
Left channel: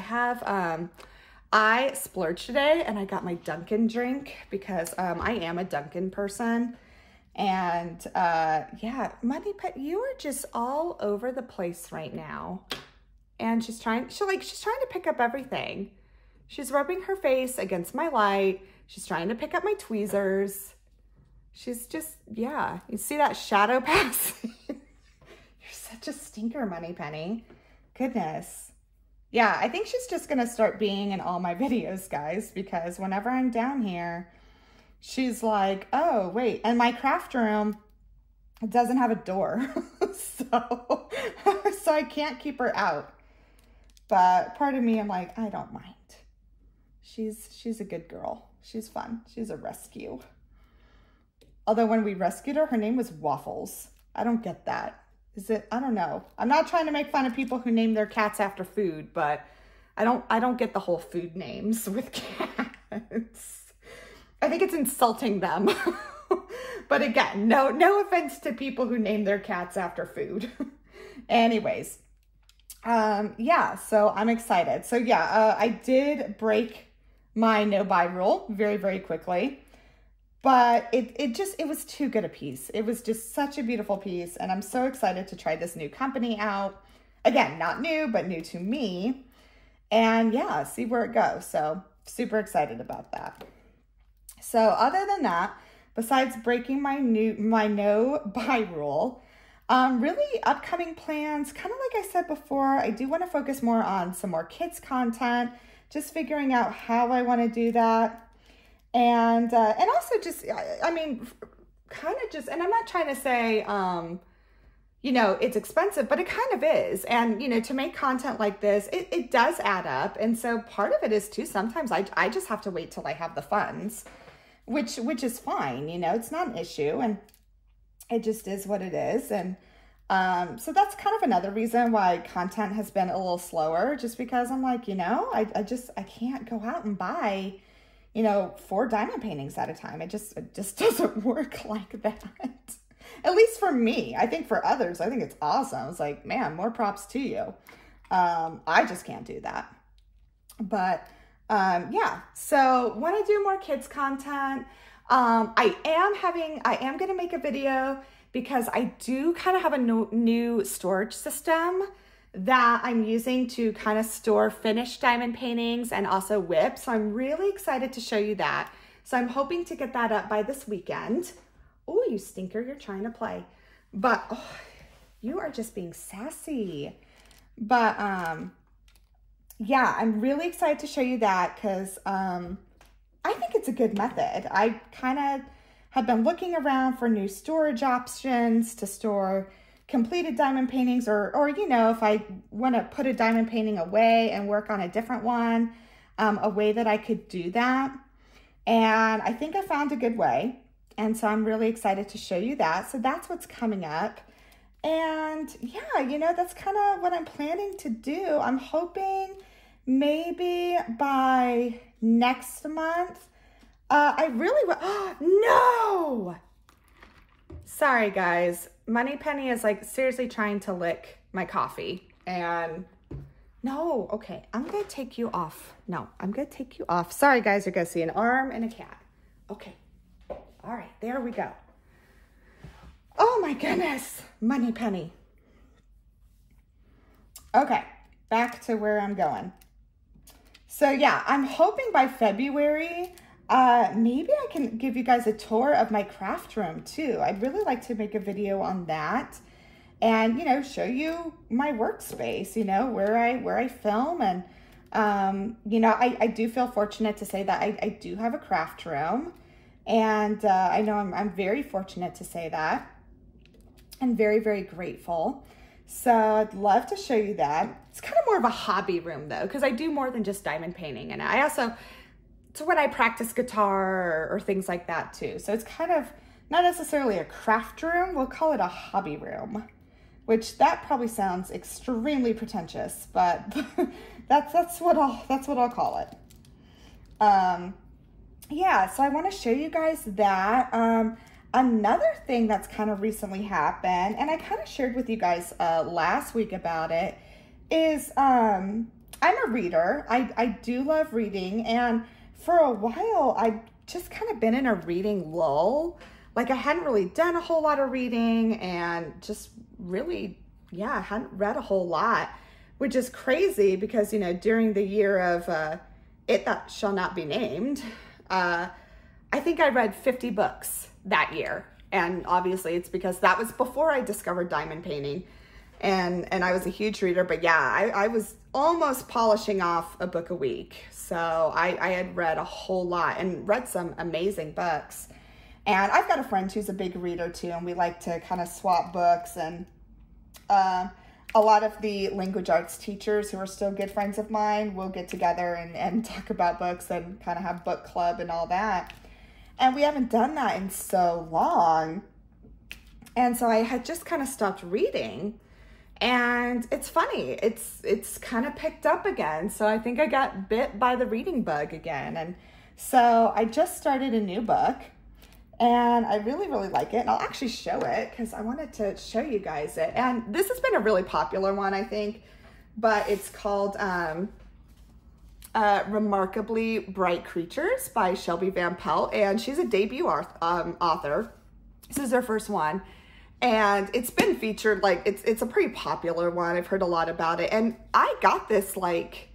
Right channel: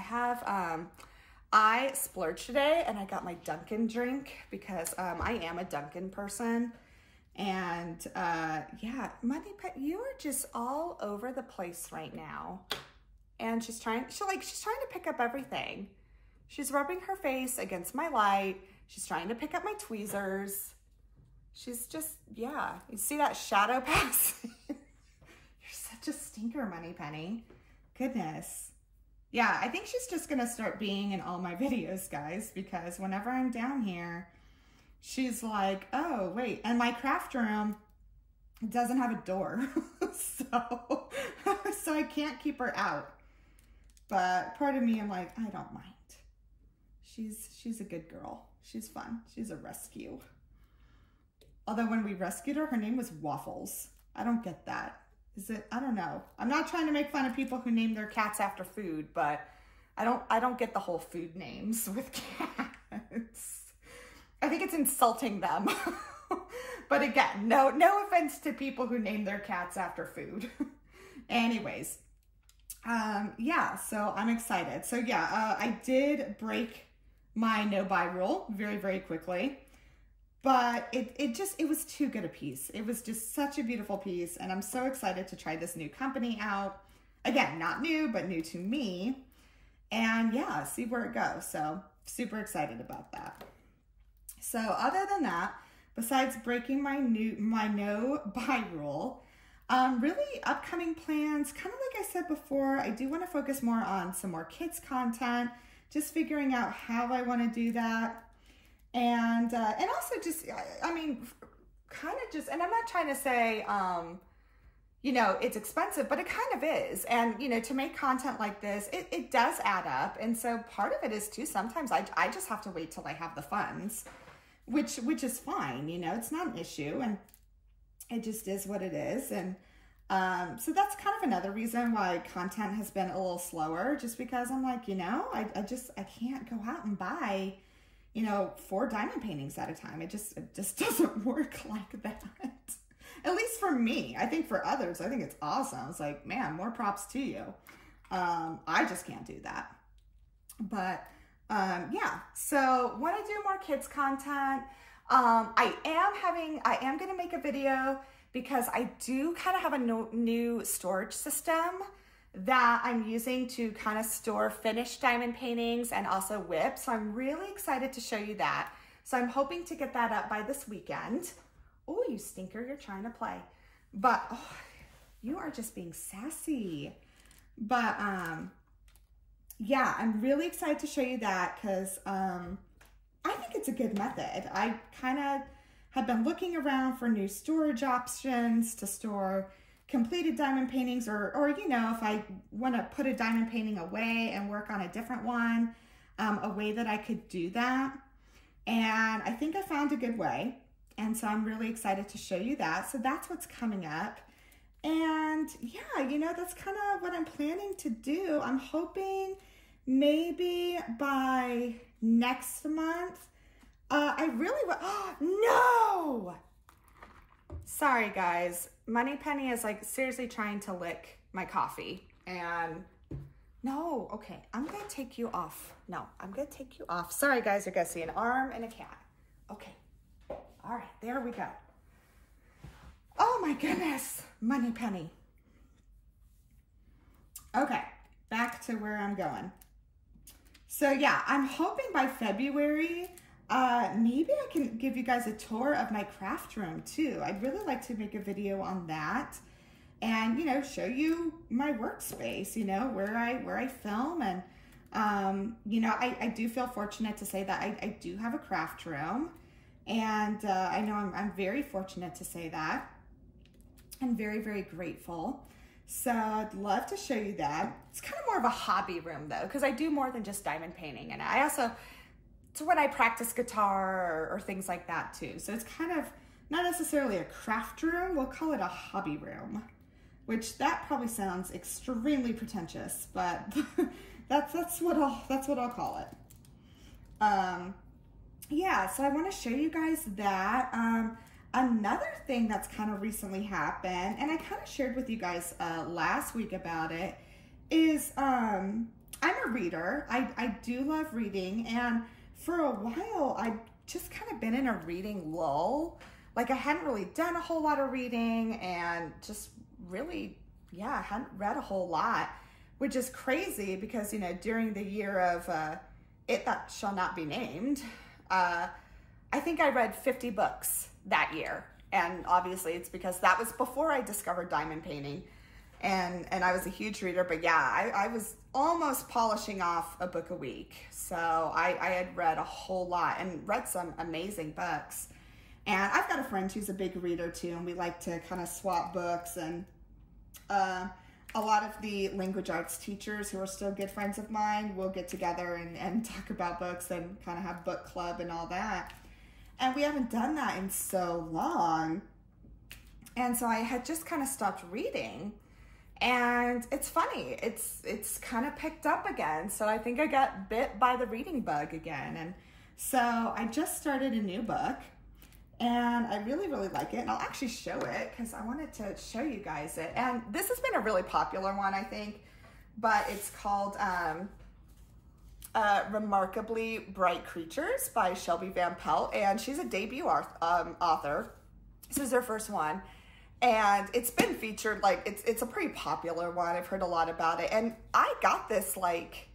I splurged today and I got my Dunkin' drink because I am a Dunkin' person. And yeah, Money Pet, you are just all over the place right now. And she's trying to pick up everything. She's rubbing her face against my light. She's trying to pick up my tweezers. She's just, yeah. You see that shadow pass? You're such a stinker, Money Penny. Goodness. Yeah, I think she's just gonna start being in all my videos, guys, because whenever I'm down here, she's like, oh, wait. And my craft room, it doesn't have a door. so I can't keep her out. But part of me, I'm like, I don't mind. She's a good girl. She's fun. She's a rescue. Although when we rescued her, her name was Waffles. I don't get that. Is it? I don't know. I'm not trying to make fun of people who name their cats after food, but I don't get the whole food names with cats. I think it's insulting them. But again, no offense to people who name their cats after food. Anyways. Yeah, so I'm excited. So yeah, I did break my no buy rule very, very quickly, but it was too good a piece. It was just such a beautiful piece. And I'm so excited to try this new company out. Again, not new, but new to me. And yeah, see where it goes. So super excited about that. So other than that, besides breaking my no buy rule, really upcoming plans, kind of like I said before, I do want to focus more on some more kids content, just figuring out how I want to do that. And also just, I mean, kind of just, and I'm not trying to say, you know, it's expensive, but it kind of is. And, you know, to make content like this, it does add up. And so part of it is too, sometimes I just have to wait till I have the funds, which is fine. You know, it's not an issue. And it just is what it is. And so that's kind of another reason why content has been a little slower, just because I'm like, you know, I can't go out and buy, you know, 4 diamond paintings at a time. It just doesn't work like that. At least for me. I think for others, I think it's awesome. It's like, man, more props to you. I just can't do that. But yeah, so want to do more kids content. I am going to make a video because I do kind of have a new storage system that I'm using to kind of store finished diamond paintings and also WIP. So I'm really excited to show you that. So I'm hoping to get that up by this weekend. Oh, you stinker, you're trying to play. But, oh, you are just being sassy. But, yeah, I'm really excited to show you that because I think it's a good method. I kind of have been looking around for new storage options to store completed diamond paintings, or you know, if I want to put a diamond painting away and work on a different one, a way that I could do that. And I think I found a good way. And so I'm really excited to show you that. So that's what's coming up. And yeah, you know, that's kind of what I'm planning to do. I'm hoping maybe by next month, I really will. No! Sorry, guys. Moneypenny is like seriously trying to lick my coffee. And no, okay, I'm gonna take you off. No, I'm gonna take you off. Sorry, guys, you're gonna see an arm and a cat. Okay, all right, there we go. Oh my goodness, Moneypenny. Okay, back to where I'm going. So yeah, I'm hoping by February, maybe I can give you guys a tour of my craft room too. I'd really like to make a video on that and, you know, show you my workspace, you know, where I film. And, you know, I do feel fortunate to say that I do have a craft room, and I know I'm very fortunate to say that, and very, very grateful. So I'd love to show you that. It's kind of more of a hobby room though, because I do more than just diamond painting. And I also, it's when I practice guitar or things like that too. So it's kind of not necessarily a craft room. We'll call it a hobby room, which that probably sounds extremely pretentious, but that's what I'll call it. Yeah, so I want to show you guys that. Another thing that's kind of recently happened, and I kind of shared with you guys last week about it, is I'm a reader. I do love reading, and for a while I've just kind of been in a reading lull. Like I hadn't really done a whole lot of reading, and just really, yeah, I hadn't read a whole lot, which is crazy because, you know, during the year of It That Shall Not Be Named, I think I read 50 books that year. And obviously it's because that was before I discovered diamond painting, and I was a huge reader. But yeah, I was almost polishing off a book a week. So I had read a whole lot and read some amazing books. And I've got a friend who's a big reader too, and we like to kind of swap books. And a lot of the language arts teachers who are still good friends of mine will get together and talk about books and kind of have book club and all that. And we haven't done that in so long. And so I had just kind of stopped reading. And it's funny, it's kind of picked up again. So I think I got bit by the reading bug again. And so I just started a new book, and I really, really like it. And I'll actually show it because I wanted to show you guys it. And this has been a really popular one, I think, but it's called Remarkably Bright Creatures by Shelby Van Pelt, and she's a debut author. This is her first one, and it's been featured, like it's a pretty popular one. I've heard a lot about it, and I got this like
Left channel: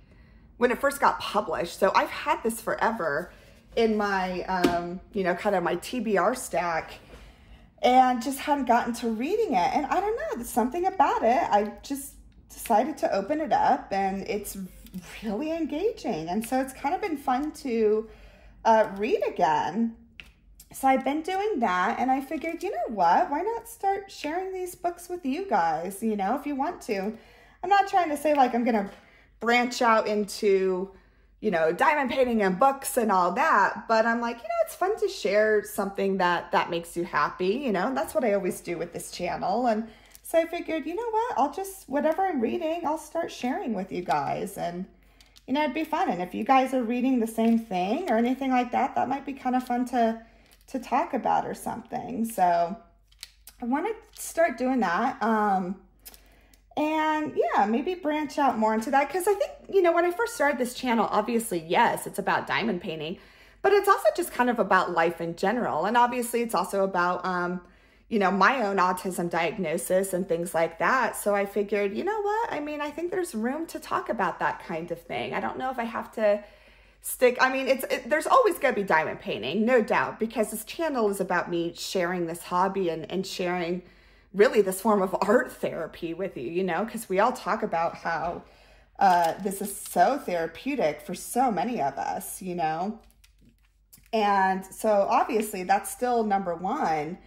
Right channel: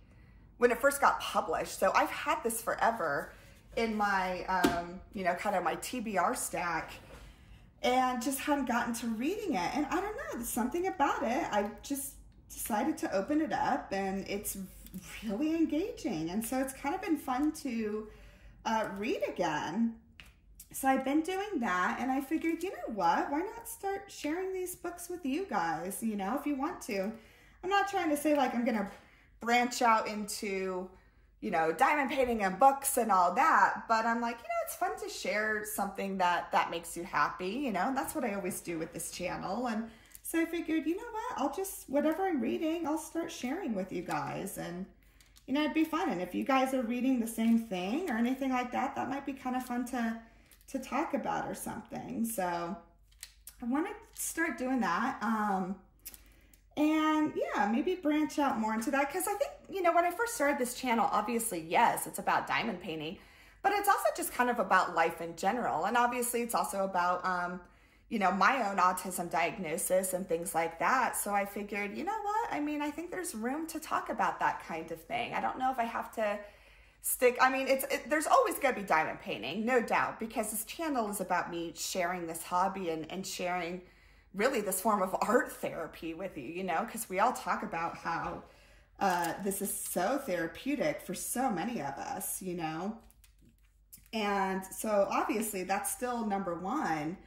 when it first got published, so I've had this forever in my you know, kind of my TBR stack, and just hadn't gotten to reading it. And I don't know, there's something about it. I just decided to open it up, and it's really engaging, and so it's kind of been fun to read again. So I've been doing that, and I figured, you know what, why not start sharing these books with you guys, you know, if you want to. I'm not trying to say like I'm gonna branch out into, you know, diamond painting and books and all that, but I'm like, you know, it's fun to share something that makes you happy, you know, and that's what I always do with this channel. And so I figured, you know what, I'll just, whatever I'm reading, I'll start sharing with you guys. And, you know, it'd be fun. And if you guys are reading the same thing or anything like that, that might be kind of fun to talk about or something. So I want to start doing that. And yeah, maybe branch out more into that. Because I think, you know, when I first started this channel, obviously, yes, it's about diamond painting, but it's also just kind of about life in general. And obviously it's also about, you know, my own autism diagnosis and things like that. So I figured, you know what? I mean, I think there's room to talk about that kind of thing. I don't know if I have to stick, I mean, there's always going to be diamond painting, no doubt, because this channel is about me sharing this hobby and sharing really this form of art therapy with you, you know, because we all talk about how this is so therapeutic for so many of us, you know. And so obviously that's still number one.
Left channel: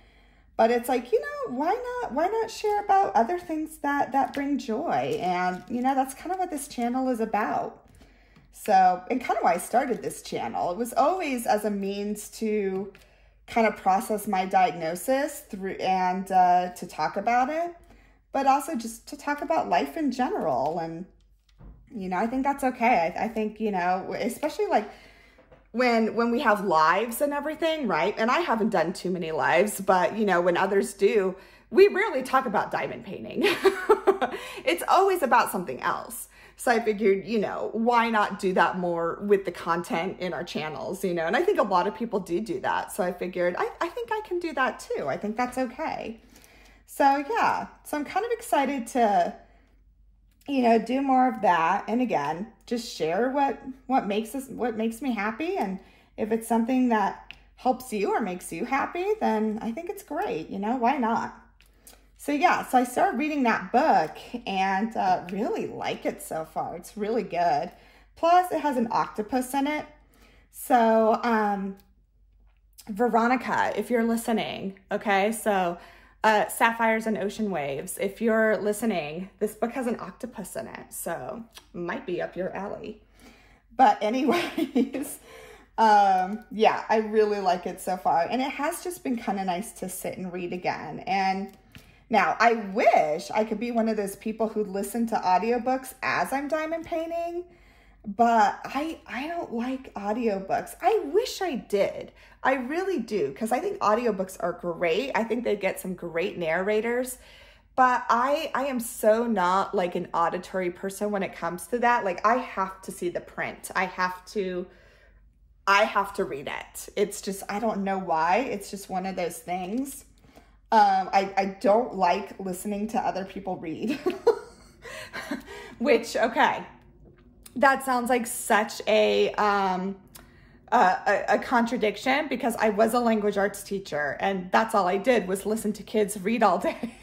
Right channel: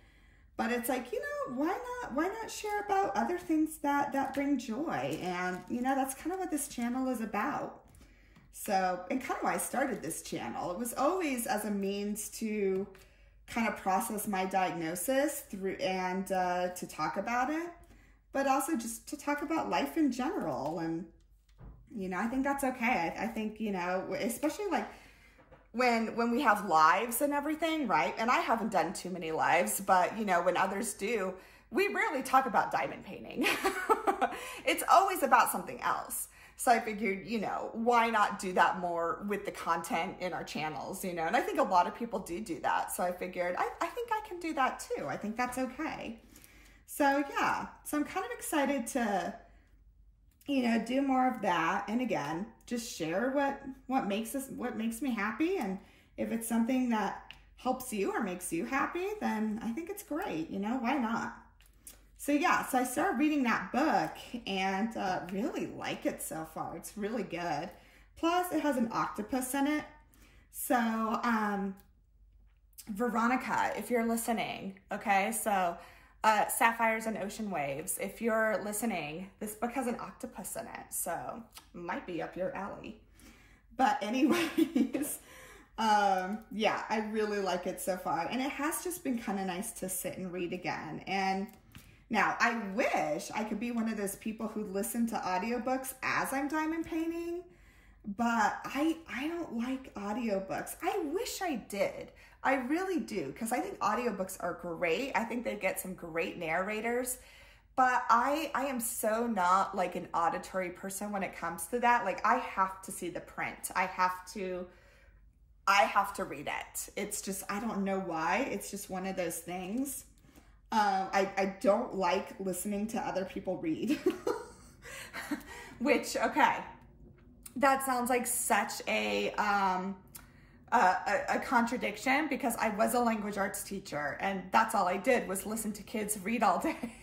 But it's like, you know, why not share about other things that bring joy? And, you know, that's kind of what this channel is about. So, and kind of why I started this channel. It was always as a means to kind of process my diagnosis through and to talk about it, but also just to talk about life in general. And, you know, I think that's okay. I think, you know, especially like, when we have lives and everything, right? And I haven't done too many lives, but you know, when others do, we rarely talk about diamond painting. It's always about something else. So I figured, you know, why not do that more with the content in our channels, you know? And I think a lot of people do that. So I figured, I think I can do that too. I think that's okay. So yeah, so I'm kind of excited to, you know, do more of that. And again, just share what makes me happy. And if it's something that helps you or makes you happy, then I think it's great. You know, why not? So yeah, so I started reading that book and really like it so far. It's really good. Plus it has an octopus in it. So Veronica, if you're listening, okay, so Sapphires and Ocean Waves. If you're listening, this book has an octopus in it, so might be up your alley. But anyways, yeah, I really like it so far. And it has just been kind of nice to sit and read again. And now I wish I could be one of those people who listen to audiobooks as I'm diamond painting, but I don't like audiobooks. I wish I did. I really do, because I think audiobooks are great. I think they get some great narrators, but I am so not like an auditory person when it comes to that. Like I have to see the print. I have to read it. It's just, I don't know why. It's just one of those things. I don't like listening to other people read, which, okay, that sounds like such a contradiction, because I was a language arts teacher and that's all I did was listen to kids read all day.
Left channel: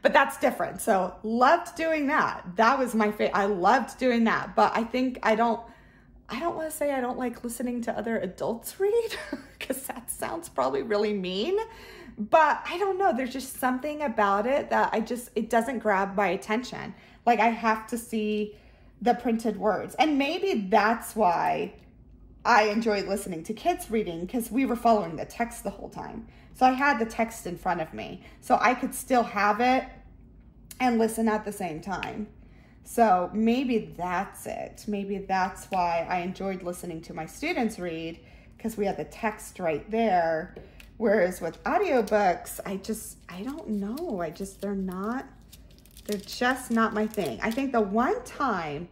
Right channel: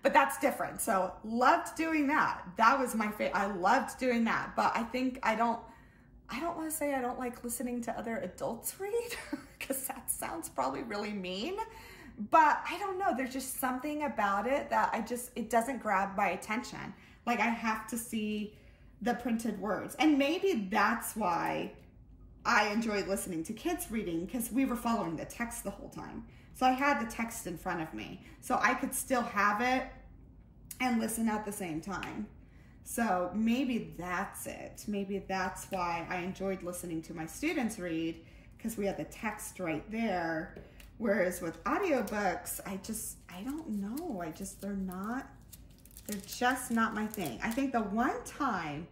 But that's different. So loved doing that. That was my favorite. I loved doing that. But I think I don't want to say I don't like listening to other adults read, because that sounds probably really mean. But I don't know. There's just something about it that it doesn't grab my attention. Like I have to see the printed words. And maybe that's why I enjoyed listening to kids reading, because we were following the text the whole time. So I had the text in front of me, so I could still have it and listen at the same time. So maybe that's it. Maybe that's why I enjoyed listening to my students read, because we had the text right there. Whereas with audiobooks, I don't know. They're just not my thing. I think the one time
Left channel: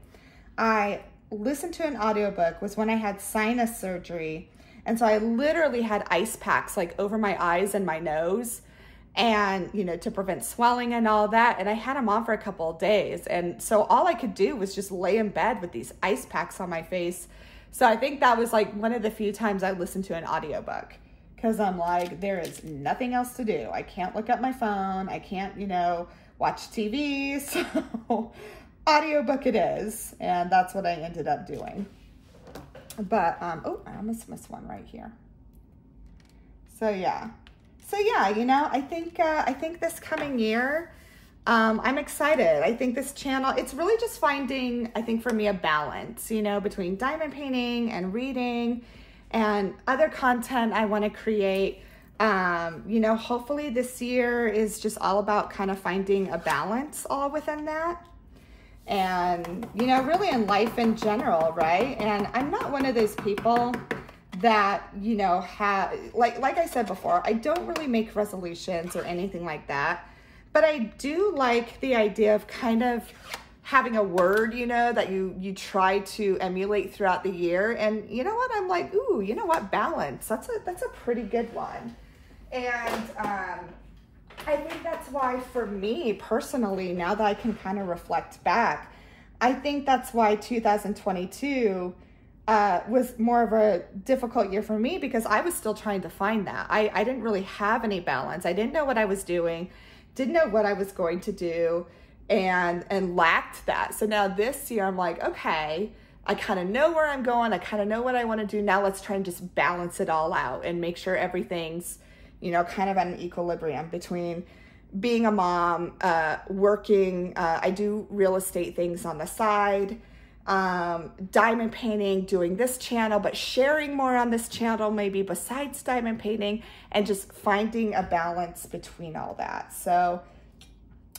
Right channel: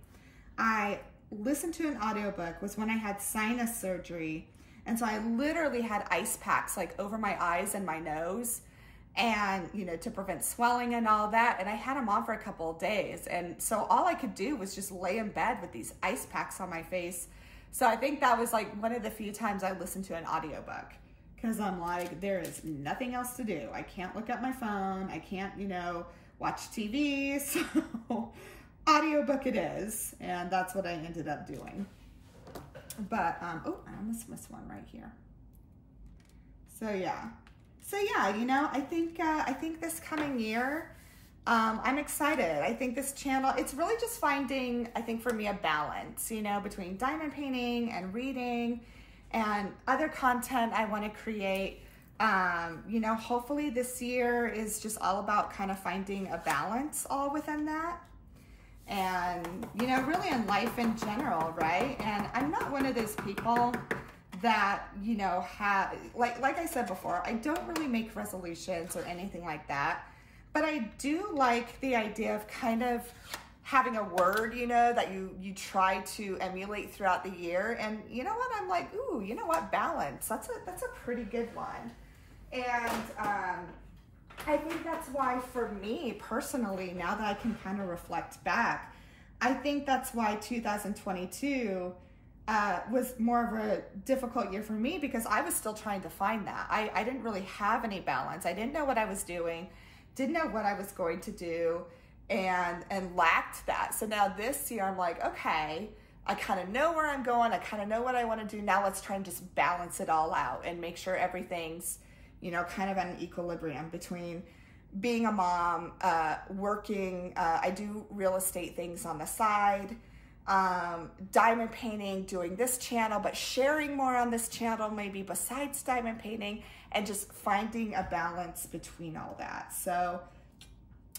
I listened to an audiobook was when I had sinus surgery. And so I literally had ice packs like over my eyes and my nose, and, you know, to prevent swelling and all that. And I had them on for a couple of days. And so all I could do was just lay in bed with these ice packs on my face. So I think that was like one of the few times I listened to an audiobook, because I'm like, there is nothing else to do. I can't look at my phone. I can't, you know, watch TV. So audiobook it is. And that's what I ended up doing. But, oh, I almost missed one right here. So yeah, you know, I think this coming year, I'm excited. I think this channel, it's really just finding, I think for me, a balance, you know, between diamond painting and reading and other content I want to create. You know, hopefully this year is just all about kind of finding a balance all within that. And, you know, really in life in general, right? And I'm not one of those people that, you know, like I said before, I don't really make resolutions or anything like that. but I do like the idea of kind of having a word, you know, that you try to emulate throughout the year. And you know what? I'm like, ooh, you know what? Balance. That's a pretty good one. And I think that's why for me personally, now that I can kind of reflect back, I think that's why 2022 was more of a difficult year for me, because I was still trying to find that. I didn't really have any balance. I didn't know what I was doing, didn't know what I was going to do, and lacked that. So now this year I'm like, okay, I kind of know where I'm going. I kind of know what I want to do. Now let's try and just balance it all out and make sure everything's, you know, kind of at an equilibrium between being a mom, working, I do real estate things on the side, diamond painting, doing this channel, but sharing more on this channel, maybe besides diamond painting, and just finding a balance between all that. So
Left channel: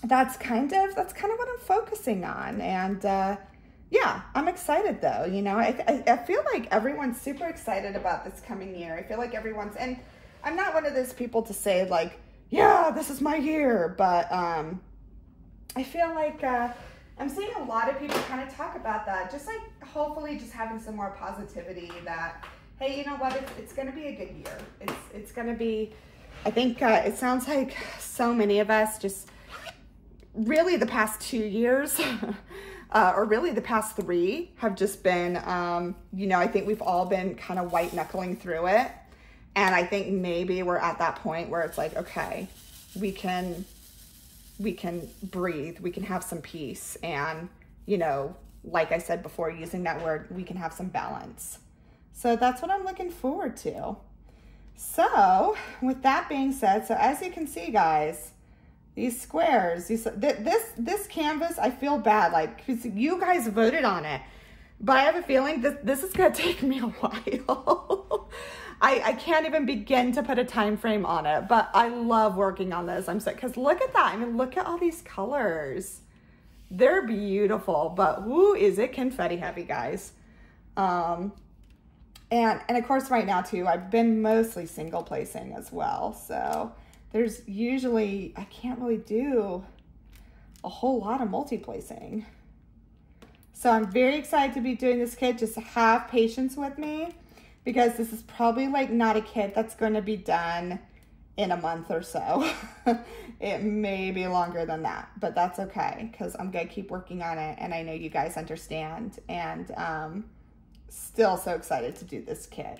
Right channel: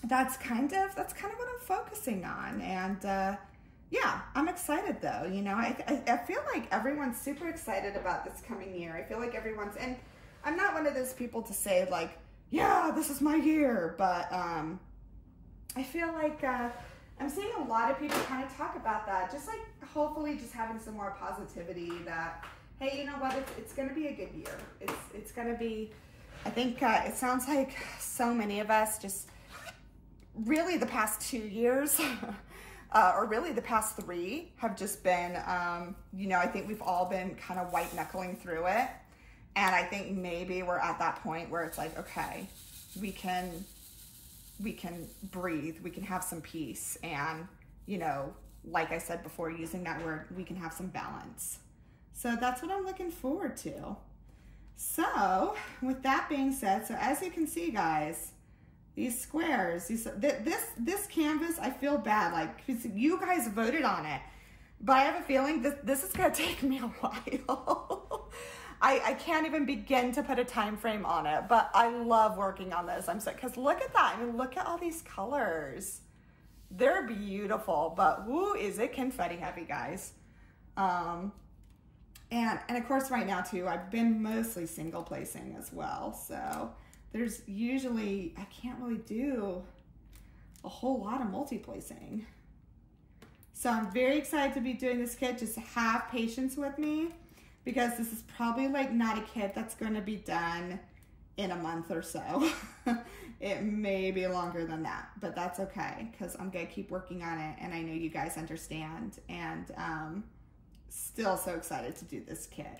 that's kind of what I'm focusing on. And yeah, I'm excited though. You know, I feel like everyone's super excited about this coming year. I feel like everyone's, and I'm not one of those people to say like, yeah, this is my year, but I feel like I'm seeing a lot of people kind of talk about that, just like hopefully just having some more positivity that, hey, you know what, it's going to be a good year. It's going to be, I think it sounds like so many of us just really the past 2 years or really the past 3 have just been, you know, I think we've all been kind of white knuckling through it. And I think maybe we're at that point where it's like, okay, we can breathe, we can have some peace. And, you know, like I said before, using that word, we can have some balance. So that's what I'm looking forward to. So with that being said, so as you can see, guys, these squares, this canvas, I feel bad, like, 'cause you guys voted on it, but I have a feeling this is gonna take me a while. I can't even begin to put a time frame on it, but I love working on this. I'm so, because look at that. I mean, look at all these colors. They're beautiful, but woo, is it confetti heavy, guys. And of course right now too, I've been mostly single placing as well. So there's usually, I can't really do a whole lot of multi-placing. So I'm very excited to be doing this kit. Just have patience with me, because this is probably like not a kit that's going to be done in a month or so. It may be longer than that, but that's okay, because I'm going to keep working on it, and I know you guys understand, and still so excited to do this kit.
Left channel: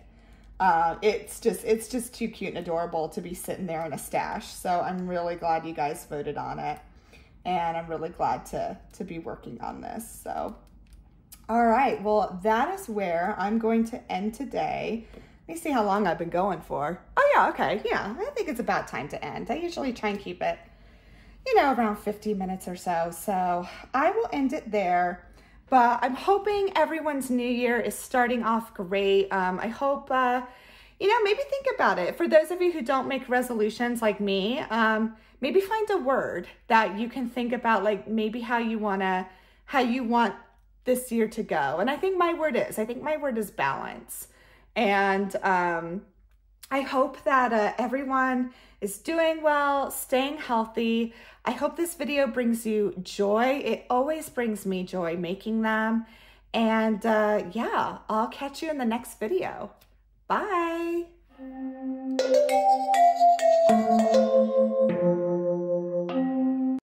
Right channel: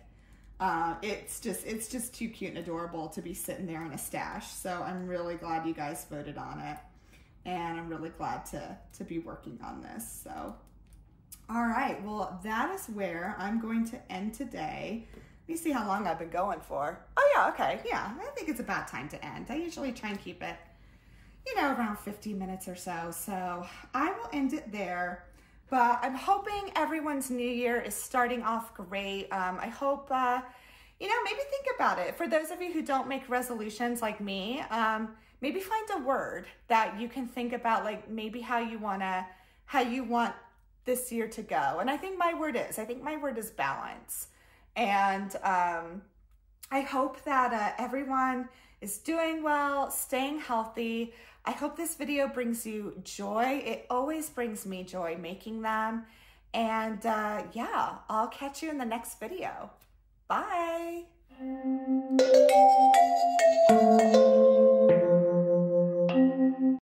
It's just too cute and adorable to be sitting there in a stash. So I'm really glad you guys voted on it, and I'm really glad to be working on this. So all right, well, that is where I'm going to end today. Let me see how long I've been going for. Oh yeah, okay, yeah, I think it's about time to end. I usually try and keep it, you know, around 50 minutes or so. So I will end it there, but I'm hoping everyone's new year is starting off great. I hope, you know, maybe think about it. For those of you who don't make resolutions like me, maybe find a word that you can think about, like maybe how you want this year to go. And I think my word is balance. And I hope that everyone is doing well, staying healthy. I hope this video brings you joy. It always brings me joy making them. And yeah, I'll catch you in the next video. Bye.